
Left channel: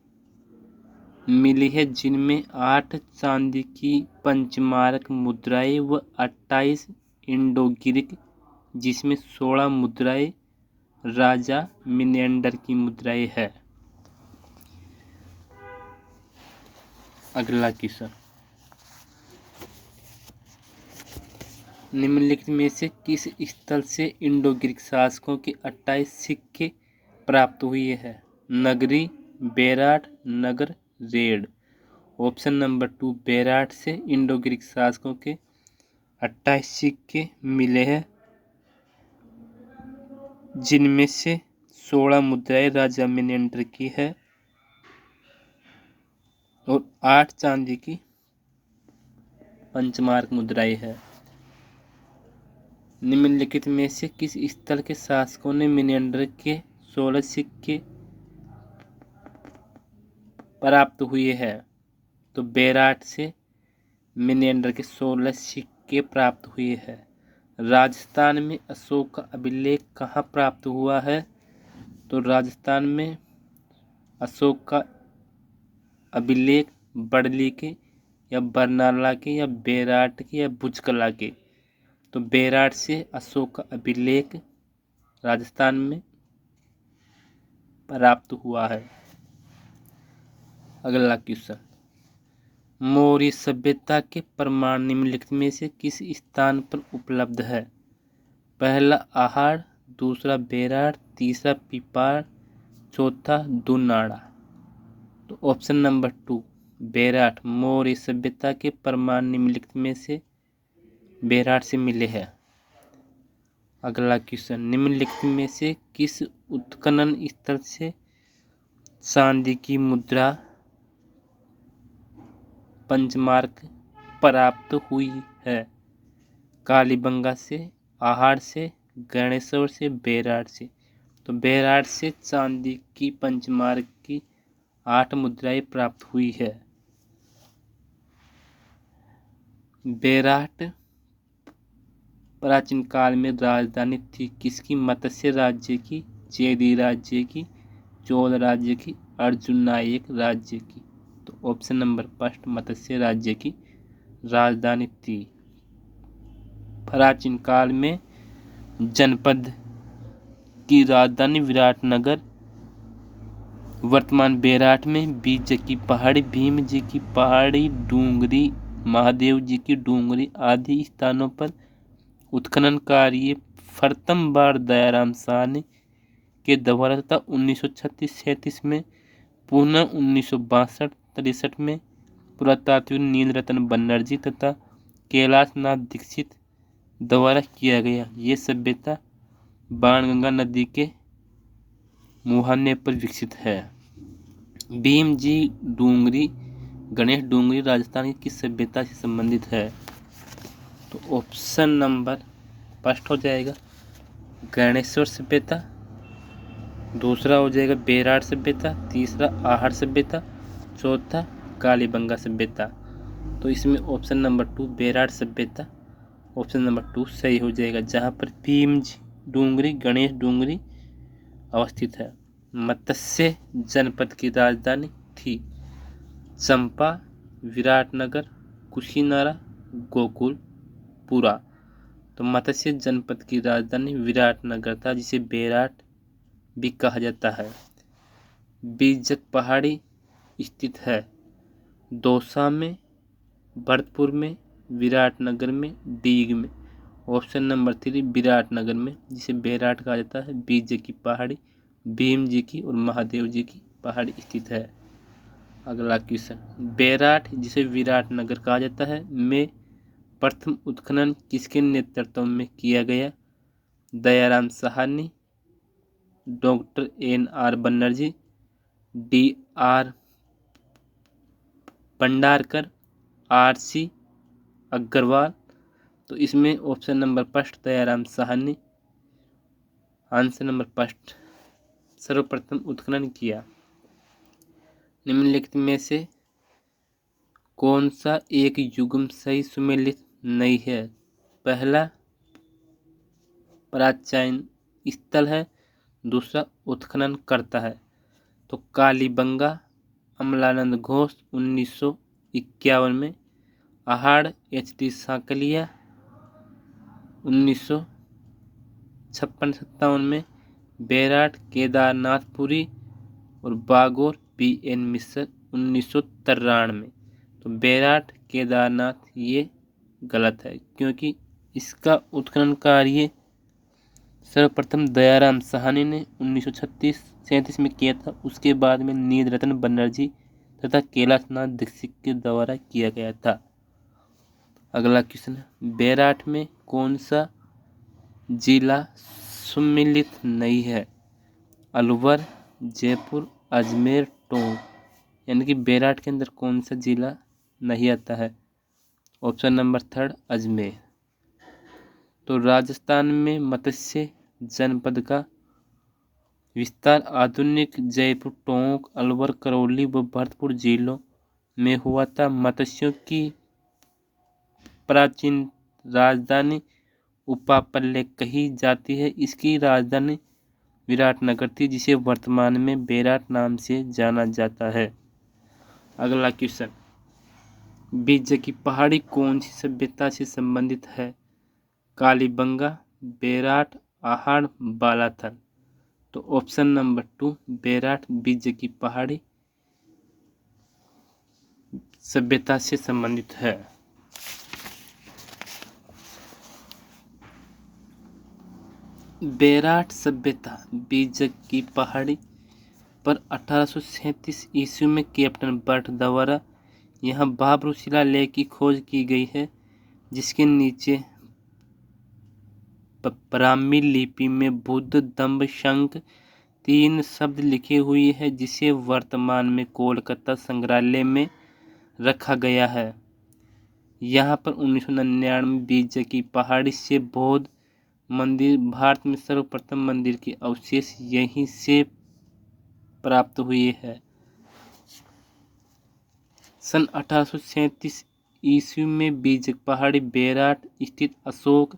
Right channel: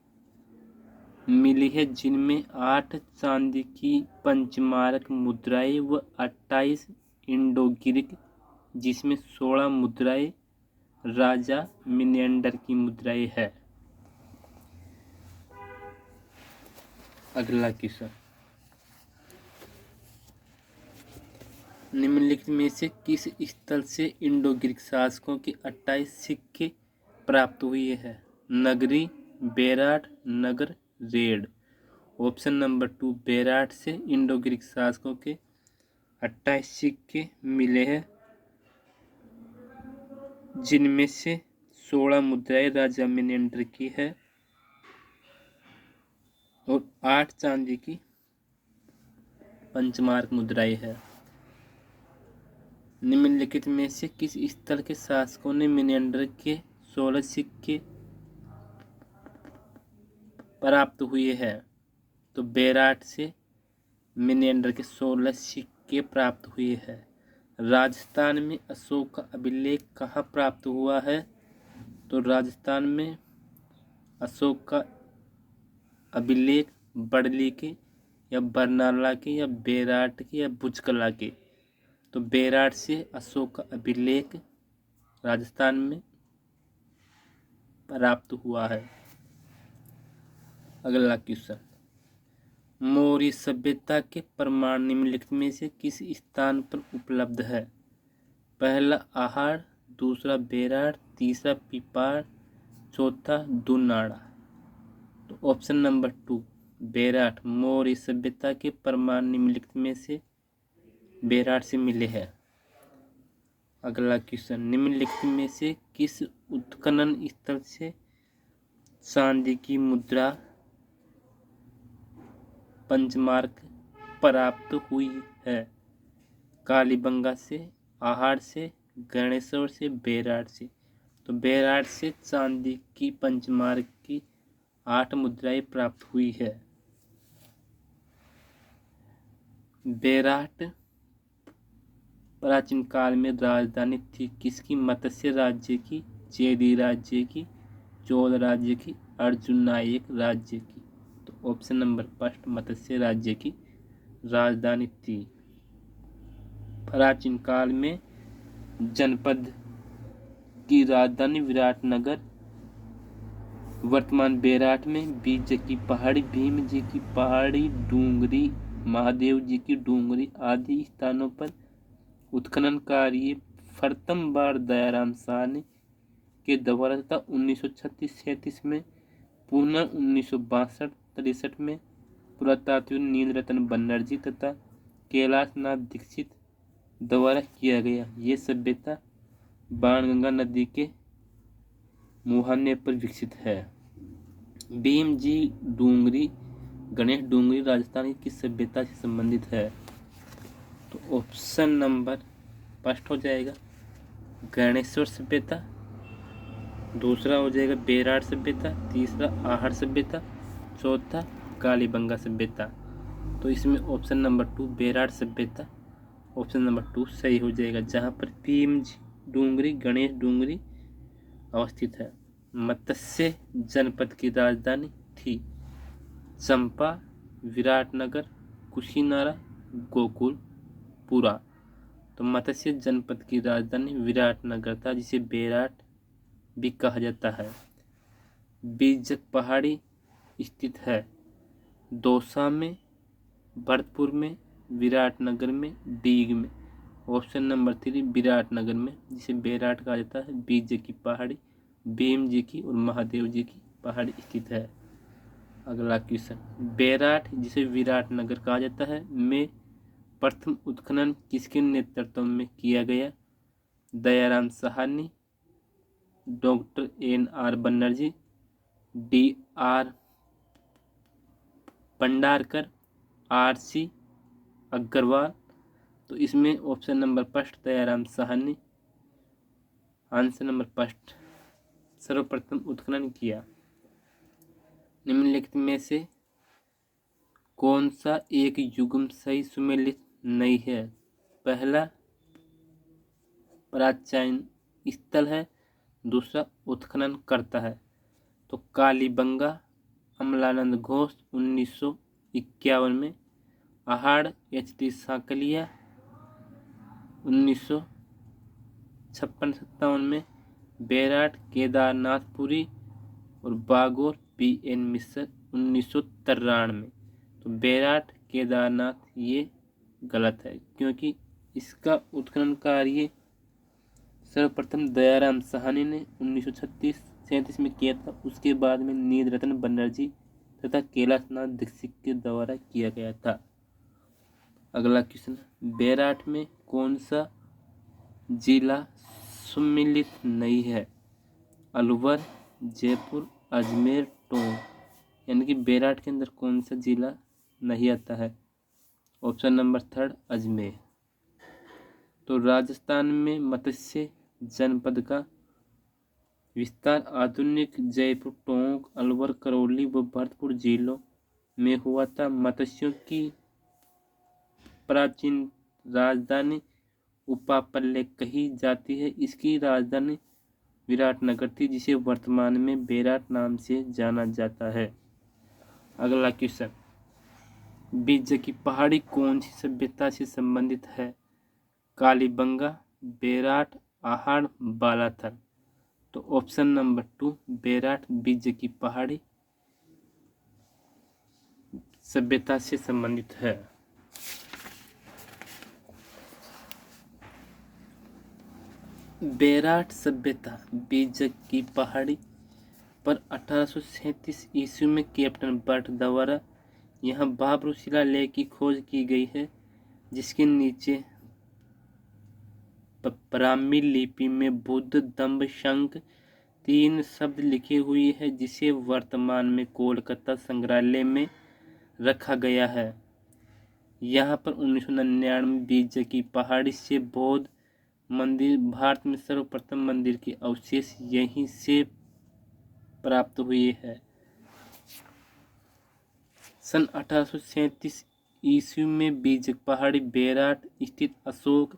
मिली है, जिनमें 8 चांदी की पंचमारक मुद्राएं व 28 इंडो-ग्रीक, जिसमें 16 मुद्राएं राजा मिनेंडर की मुद्राएं है। अगला क्वेश्चन, निम्नलिखित में से किस स्थल से इंडो ग्रीक शासकों के 28 सिक्के प्राप्त हुए हैं? नगरी, बेराट, नगर, रेड। ऑप्शन नंबर 2 बेराट से इंडो ग्रीक शासकों के 28 सिक्के मिले हैं, जिनमें से 16 मुद्राएं राजा मिनेंडर की है और 8 चांदी की पंचमार्क मुद्राएं है। निम्नलिखित में से किस स्थल के शासकों ने मिनेंडर के 16 सिक्के प्राप्त हुए हैं? तो बेराट से मिनेंडर के 16 सिक्के प्राप्त हुए हैं। राजस्थान में अशोक का अभिलेख कहाँ प्राप्त हुआ है? तो राजस्थान में अशोक का अभिलेख बड़ली के या बरनाला के या बेराट के या भुजकला के। तो बेराट से अशोक का अभिलेख राजस्थान में प्राप्त हुआ है। अगला क्वेश्चन, मौर्य सभ्यता के प्रमाण निम्नलिखित में से किस स्थान पर उपलब्ध है? पहला आहाड़, दूसरा बेराट, तीसरा पिपाड़, चौथा दुनाड़ा। तो ऑप्शन नंबर 2 बेराट, मौर्य सभ्यता के प्रमाण निम्नलिखित में से बेराट से मिले हैं। अगला क्वेश्चन, निम्नलिखित में से किस उत्खनन स्थल से चांदी की मुद्रा पंचमार्क प्राप्त हुई है? कालीबंगा से, आहाड़ से, गणेश्वर से, बेराट से। तो बेराट से चांदी की पंचमार्क की 8 मुद्राएं प्राप्त हुई है। बेराट प्राचीन काल में राजधानी थी किसकी? मत्स्य राज्य की, चेदी राज्य की, चोल राज्य की, अर्जुन नायक राज्य की। तो ऑप्शन नंबर 1 मत्स्य राज्य की राजधानी थी। प्राचीन काल में जनपद की राजधानी विराटनगर, वर्तमान बेराट में बीज की पहाड़ी, भीम जी की पहाड़ी, डूंगरी, महादेव जी की डूंगरी आदि स्थानों पर उत्खनन कार्य प्रथम बार दयाराम साहनी के द्वारा तथा 1936-37 में पुनः 1962-63 में पुरातात्विक नीलरतन बनर्जी तथा कैलाश नाथ दीक्षित द्वारा किया गया। ये सभ्यता बाणगंगा नदी के मुहाने पर विकसित है। भीम जी डूंगरी, गणेश डूंगरी राजस्थान की सभ्यता से संबंधित है। तो ऑप्शन नंबर 1 हो जाएगा गणेश्वर सभ्यता, दूसरा हो जाएगा बेराट सभ्यता, तीसरा आहाड़ सभ्यता, चौथा कालीबंगा सभ्यता। तो इसमें ऑप्शन नंबर 2 बेराट सभ्यता ऑप्शन नंबर 2 सही हो जाएगा, जहाँ पर भीम डूंगरी, गणेश डूंगरी अवस्थित है। मत्स्य जनपद की राजधानी थी चंपा, विराटनगर, कुशीनारा, गोकुलपुरा। तो मत्स्य जनपद की राजधानी विराटनगर था, जिसे बेराट भी कहा जाता है। बीजक पहाड़ी स्थित है दौसा में, भरतपुर में, विराटनगर में, डीग में। ऑप्शन नंबर 3 विराटनगर में, जिसे बेराट कहा जाता है। बीजक की पहाड़ी भीम जी की और महादेव जी की पहाड़ी स्थित है। अगला क्वेश्चन, बेराट जिसे विराटनगर कहा जाता है में प्रथम उत्खनन किसके नेतृत्व में किया गया? Dayaram Sahni, doctor NR Banerjee, D.R. Bhandarkar, R.C. Agrawal. तो इसमें option number first Dayaram Sahni, answer number first, सर्वप्रथम उत्खनन किया। निम्नलिखित में से कौन सा एक युग्म सही सुमेलित नहीं है? पहला प्राचीन स्थल है, दूसरा उत्खनन करता है। तो कालीबंगा अमलानंद घोष 1951 में, आहाड़ H.D. सांकलिया 1956-57 में, बैराट केदारनाथपुरी और बागोर P.N. मिश्र 1993 में। तो बैराट केदारनाथ ये गलत है, क्योंकि इसका उत्खनन कार्य सर्वप्रथम दयाराम साहनी ने 1936-37 में किया था। उसके बाद में नीलरतन बनर्जी तथा कैलाशनाथ दीक्षित के द्वारा किया गया था। अगला क्वेश्चन, बैराट में कौन सा जिला सम्मिलित नहीं है? अलवर, जयपुर, अजमेर, टोंक। यानी कि बैराट के अंदर कौन सा जिला नहीं आता है? Option number third Ajmer. तो राजस्थान में मत्स्य जनपद का विस्तार आधुनिक जयपुर, टोंक, अलवर, करौली व भरतपुर जिलों में हुआ था। मत्स्यों की प्राचीन राजधानी उपापल्य कही जाती है। इसकी राजधानी विराटनगर थी, जिसे वर्तमान में बैराट नाम से जाना जाता है। अगला क्वेश्चन, बीज की पहाड़ी कौन सी सभ्यता से संबंधित है? कालीबंगा, बैराट, आहाड़, बालाथल। तो ऑप्शन नंबर 2 बैराट बीज की पहाड़ी सभ्यता से संबंधित है। बैराट सभ्यता बीज की पहाड़ी पर 1837 ईस्वी में कैप्टन बर्ट द्वारा यहाँ बाबरू शिलालेख की खोज की गई है, जिसके नीचे ब्राह्मी लिपि में बुद्ध दम्भ शंख 3 शब्द लिखे हुए हैं, जिसे वर्तमान में कोलकाता संग्रहालय में रखा गया है। यहाँ पर 1999 बीज की पहाड़ी से बौद्ध मंदिर, भारत में सर्वप्रथम मंदिर के अवशेष यहीं से प्राप्त हुए हैं। सन 1837 ईस्वी में बीज पहाड़ी बैराट स्थित अशोक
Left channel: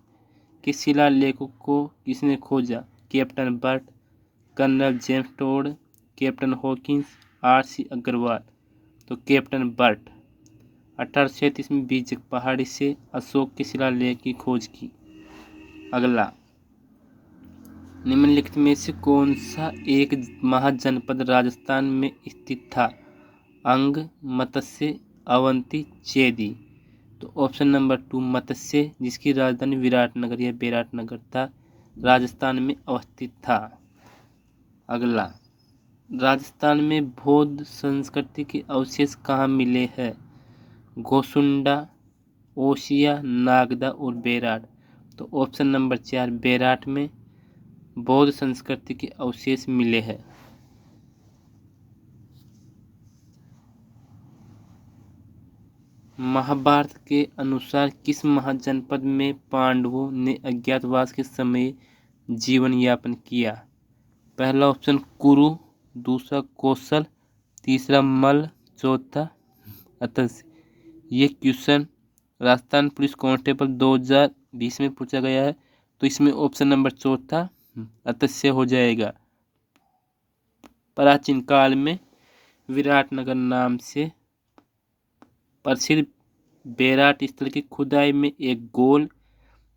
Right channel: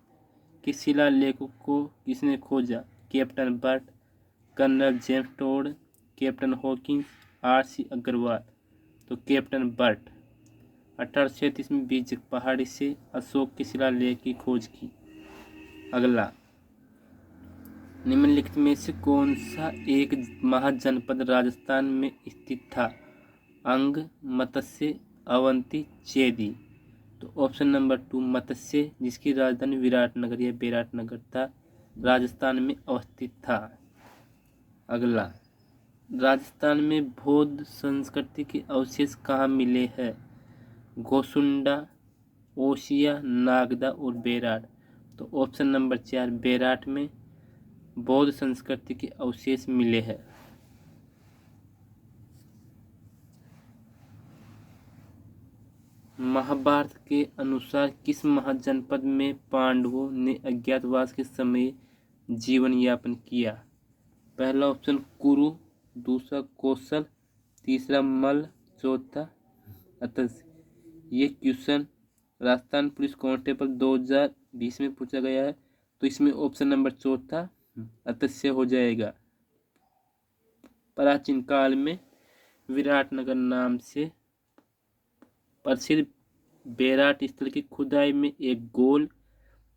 के शिलालेखों को किसने खोजा? Captain Burt, Colonel James Tod, Captain Hawkins, R.C. Agrawal. तो कैप्टन बर्ट 1837 में बीज पहाड़ी से अशोक के शिलालेख की खोज की। अगला, निम्नलिखित में से कौन सा एक महाजनपद राजस्थान में स्थित था? अंग, मत्स्य, अवंती, चेदी। तो ऑप्शन नंबर 2 मत्स्य, जिसकी राजधानी विराटनगर या बैराटनगर था, राजस्थान में अवस्थित था। अगला, राजस्थान में बौद्ध संस्कृति के अवशेष कहाँ मिले हैं? गोसुंडा, ओसिया, नागदा और बैराट। तो ऑप्शन नंबर 4 बैराट में बौद्ध संस्कृति के अवशेष मिले हैं। महाभारत के अनुसार किस महाजनपद में पांडवों ने अज्ञातवास के समय जीवन यापन किया? पहला ऑप्शन कुरु, दूसरा कौशल, तीसरा मल, चौथा अतंस। ये क्वेश्चन राजस्थान पुलिस कांस्टेबल 2020 में पूछा गया है, तो इसमें ऑप्शन नंबर चौथा अतस्य हो जाएगा। प्राचीन काल में विराटनगर नाम से प्रसिद्ध बैराट स्थल की खुदाई में एक गोल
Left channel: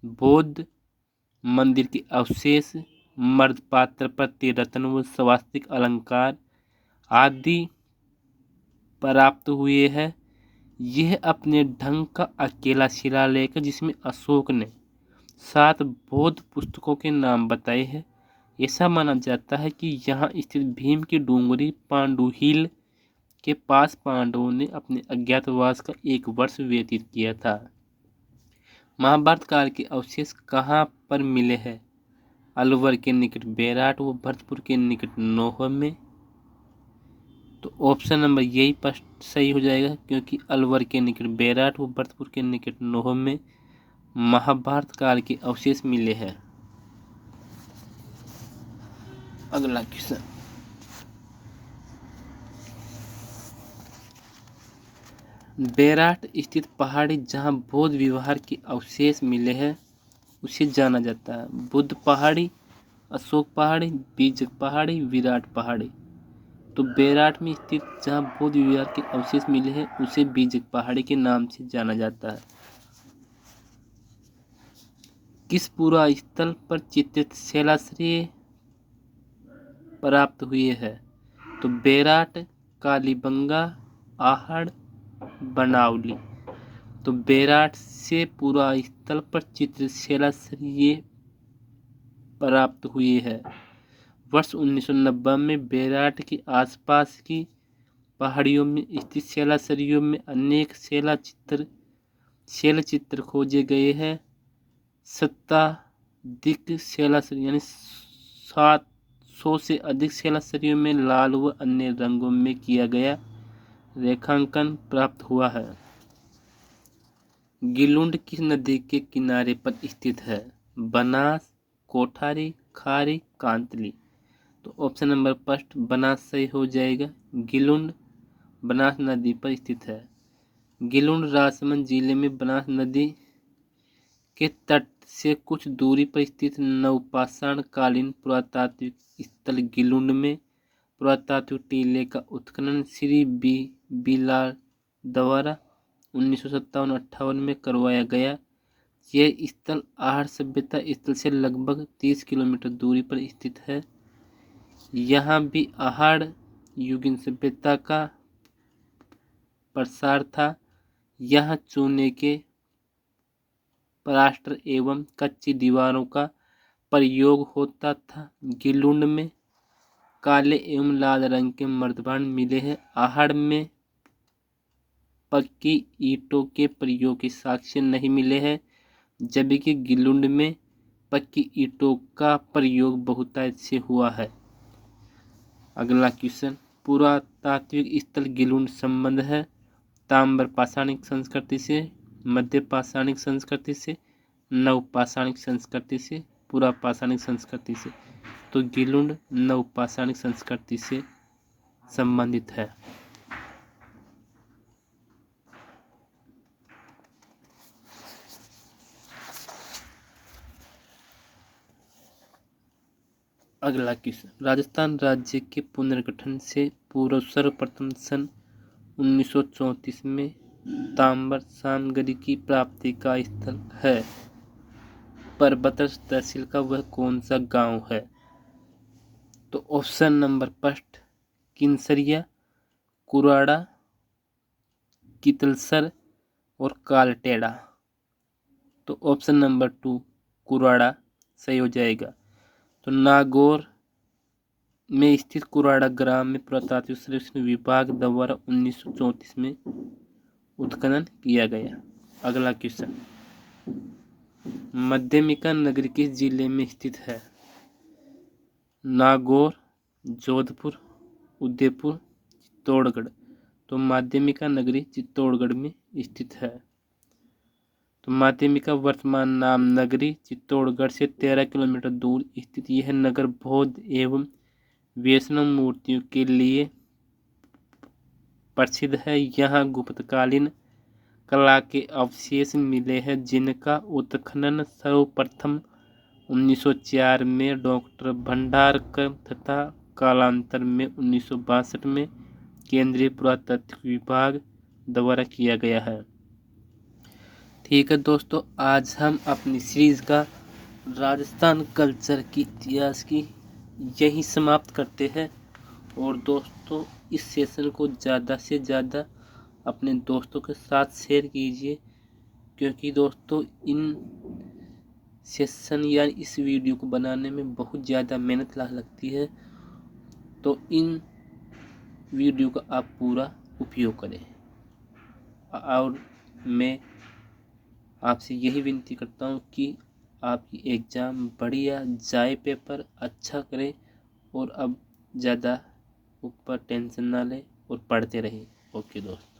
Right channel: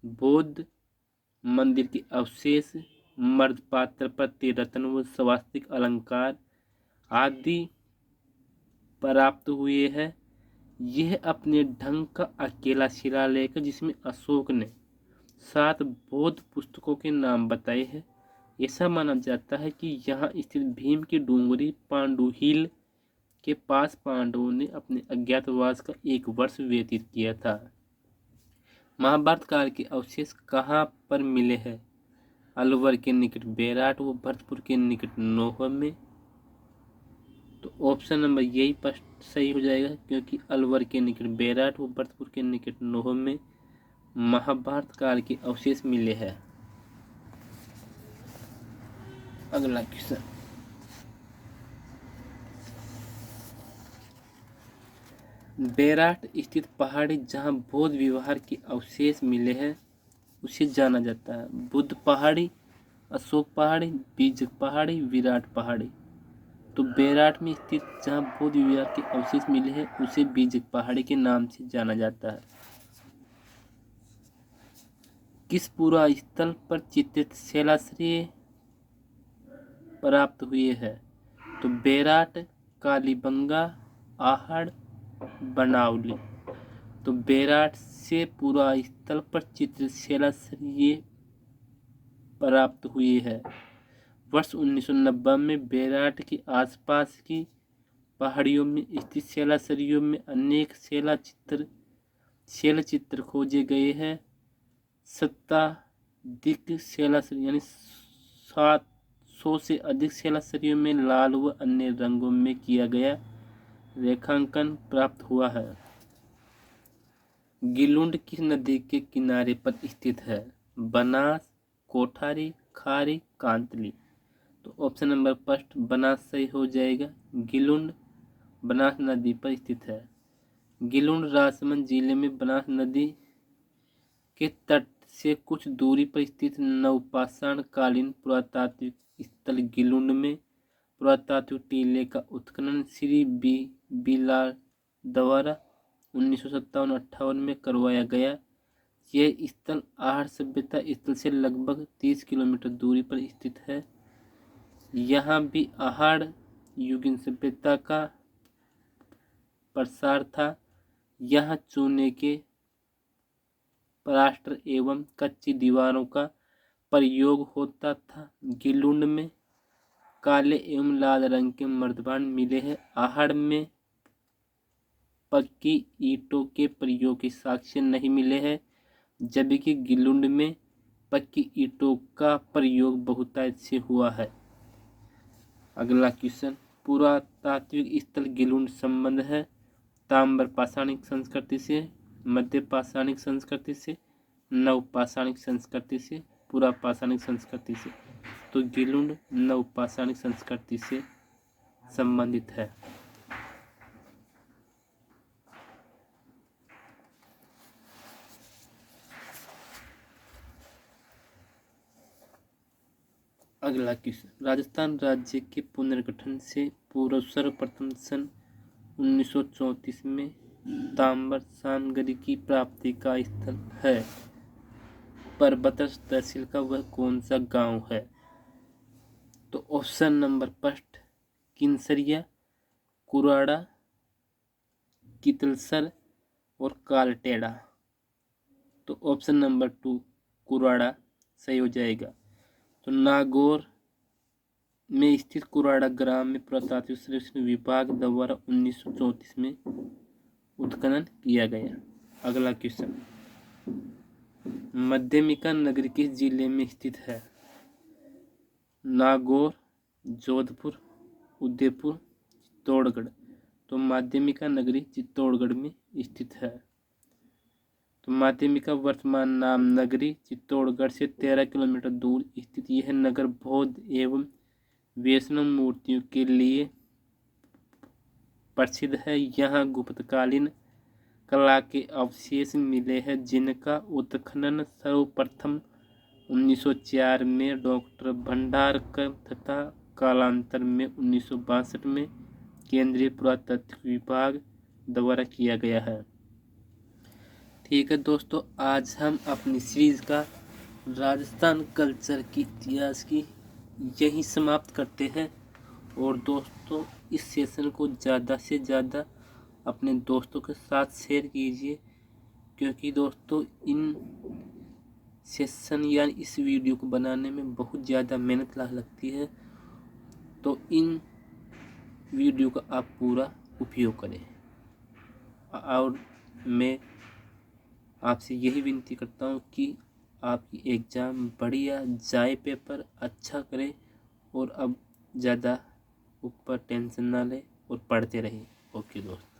बौद्ध मंदिर के अवशेष, मर्दपात्र पर रत्न व स्वास्तिक अलंकार आदि प्राप्त हुए हैं। यह अपने ढंग का अकेला शिलालेख है, जिसमें अशोक ने 7 बौद्ध पुस्तकों के नाम बताए हैं। ऐसा माना जाता है कि यहाँ स्थित भीम की डूंगरी पांडुहिल के पास पांडवों ने अपने अज्ञातवास का 1 वर्ष व्यतीत किया था। महाभारत काल के अवशेष कहाँ पर मिले हैं? अलवर के निकट बैराट व भरतपुर के निकट नौहर में, तो ऑप्शन नंबर यही फर्स्ट सही हो जाएगा, क्योंकि अलवर के निकट बेराट व भरतपुर के निकट नोह में महाभारत काल के अवशेष मिले हैं। अगला क्वेश्चन, बेराट स्थित पहाड़ी जहां बौद्ध विहार के अवशेष मिले हैं उसे जाना जाता है। बुद्ध पहाड़ी, अशोक पहाड़ी, बीजक पहाड़ी, विराट पहाड़ी। तो बेराट में स्थित जहां बौद्ध विहार के अवशेष मिले हैं उसे बीजक पहाड़ी के नाम से जाना जाता है। किस पुरा स्थल पर चित्रित शैलाश्रय प्राप्त हुए हैं? तो बेराट, कालीबंगा, आहड़, बनावली। तो बेराट से पुरा स्थल पर चित्रित शैलाश्रय प्राप्त हुए हैं। वर्ष 1990 में बेराट के आसपास की पहाड़ियों में स्थित शैलाश्रयों में अनेक शैल चित्र खोजे गए हैं। शताधिक शैलाश्रय यानी 700 से अधिक शैलाश्रयों में लाल व अन्य रंगों में किया गया रेखांकन प्राप्त हुआ है। गिलुंड किस नदी के किनारे पर स्थित है? बनास, कोठारी, खारी, कांतली। तो ऑप्शन नंबर फर्स्ट बनास सही हो जाएगा। गिलुंड बनास नदी पर स्थित है। गिलुंड राजसमंद जिले में बनास नदी के तट से कुछ दूरी पर स्थित नवपाषाण कालीन पुरातात्विक स्थल गिलुंड में पुरातात्विक टीले का उत्खनन श्री बी लाल द्वारा 1957-58 में करवाया गया। यह स्थल आहड़ सभ्यता स्थल से लगभग 30 किलोमीटर दूरी पर स्थित है। यहाँ भी आहड़ युगीन सभ्यता का प्रसार था। यहाँ चूने के प्लास्टर एवं कच्ची दीवारों का प्रयोग होता था। गिलुंड में काले एवं लाल रंग के मर्दबान मिले हैं। आहड़ में पक्की ईंटों के प्रयोग के साक्ष्य नहीं मिले हैं, जबकि गिलुंड में पक्की ईंटों का प्रयोग बहुतायत से हुआ है। अगला क्वेश्चन, पुरातात्विक स्थल गिलुंड संबंध है ताम्र पाषाणिक संस्कृति से, मध्य पाषाणिक संस्कृति से, नव पाषाणिक संस्कृति से, पुरा पाषाणिक संस्कृति से। तो गिलुंड नव पाषाणिक संस्कृति से संबंधित है। अगला क्वेश्चन, राजस्थान राज्य के पुनर्गठन से पूर्व सर्वप्रथम सन 1934 में ताम्र सामग्री की प्राप्ति का स्थल है। परबत्स तहसील का वह कौन सा गांव है? तो option number first Kinsariya, Kurada, कितलसर और कालटेड़ा। तो ऑप्शन नंबर 2 कुराड़ा सही हो जाएगा। तो नागौर में स्थित कुराड़ा ग्राम में पुरातात्विक सर्वेक्षण विभाग द्वारा 1934 में उत्खनन किया गया। अगला क्वेश्चन, माध्यमिका नगरी किस जिले में स्थित है? नागौर, जोधपुर, उदयपुर, चित्तौड़गढ़। तो माध्यमिका नगरी चित्तौड़गढ़ में स्थित है। तो माध्यमिका वर्तमान नाम नगरी चित्तौड़गढ़ से 13 किलोमीटर दूर स्थित यह नगर बौद्ध एवं वैष्णव मूर्तियों के लिए प्रसिद्ध है। यहाँ गुप्तकालीन कला के अवशेष मिले हैं, जिनका उत्खनन सर्वप्रथम 1904 में डॉक्टर भंडारकर तथा कालांतर में 1962 में केंद्रीय पुरातत्व विभाग द्वारा किया गया है। ठीक है दोस्तों, आज हम अपनी सीरीज का राजस्थान कल्चर की इतिहास की यही समाप्त करते हैं। और दोस्तों, इस सेशन को ज़्यादा से ज़्यादा अपने दोस्तों के साथ शेयर कीजिए, क्योंकि दोस्तों इन सेशन या इस वीडियो को बनाने में बहुत ज़्यादा मेहनत लगती है। तो इन वीडियो का आप पूरा उपयोग करें। और मैं आपसे यही विनती करता हूँ कि आपकी एग्ज़ाम बढ़िया जाए, पेपर अच्छा करें और अब ज़्यादा ऊपर टेंशन ना लें। और पढ़ते रहें। ओके दोस्त।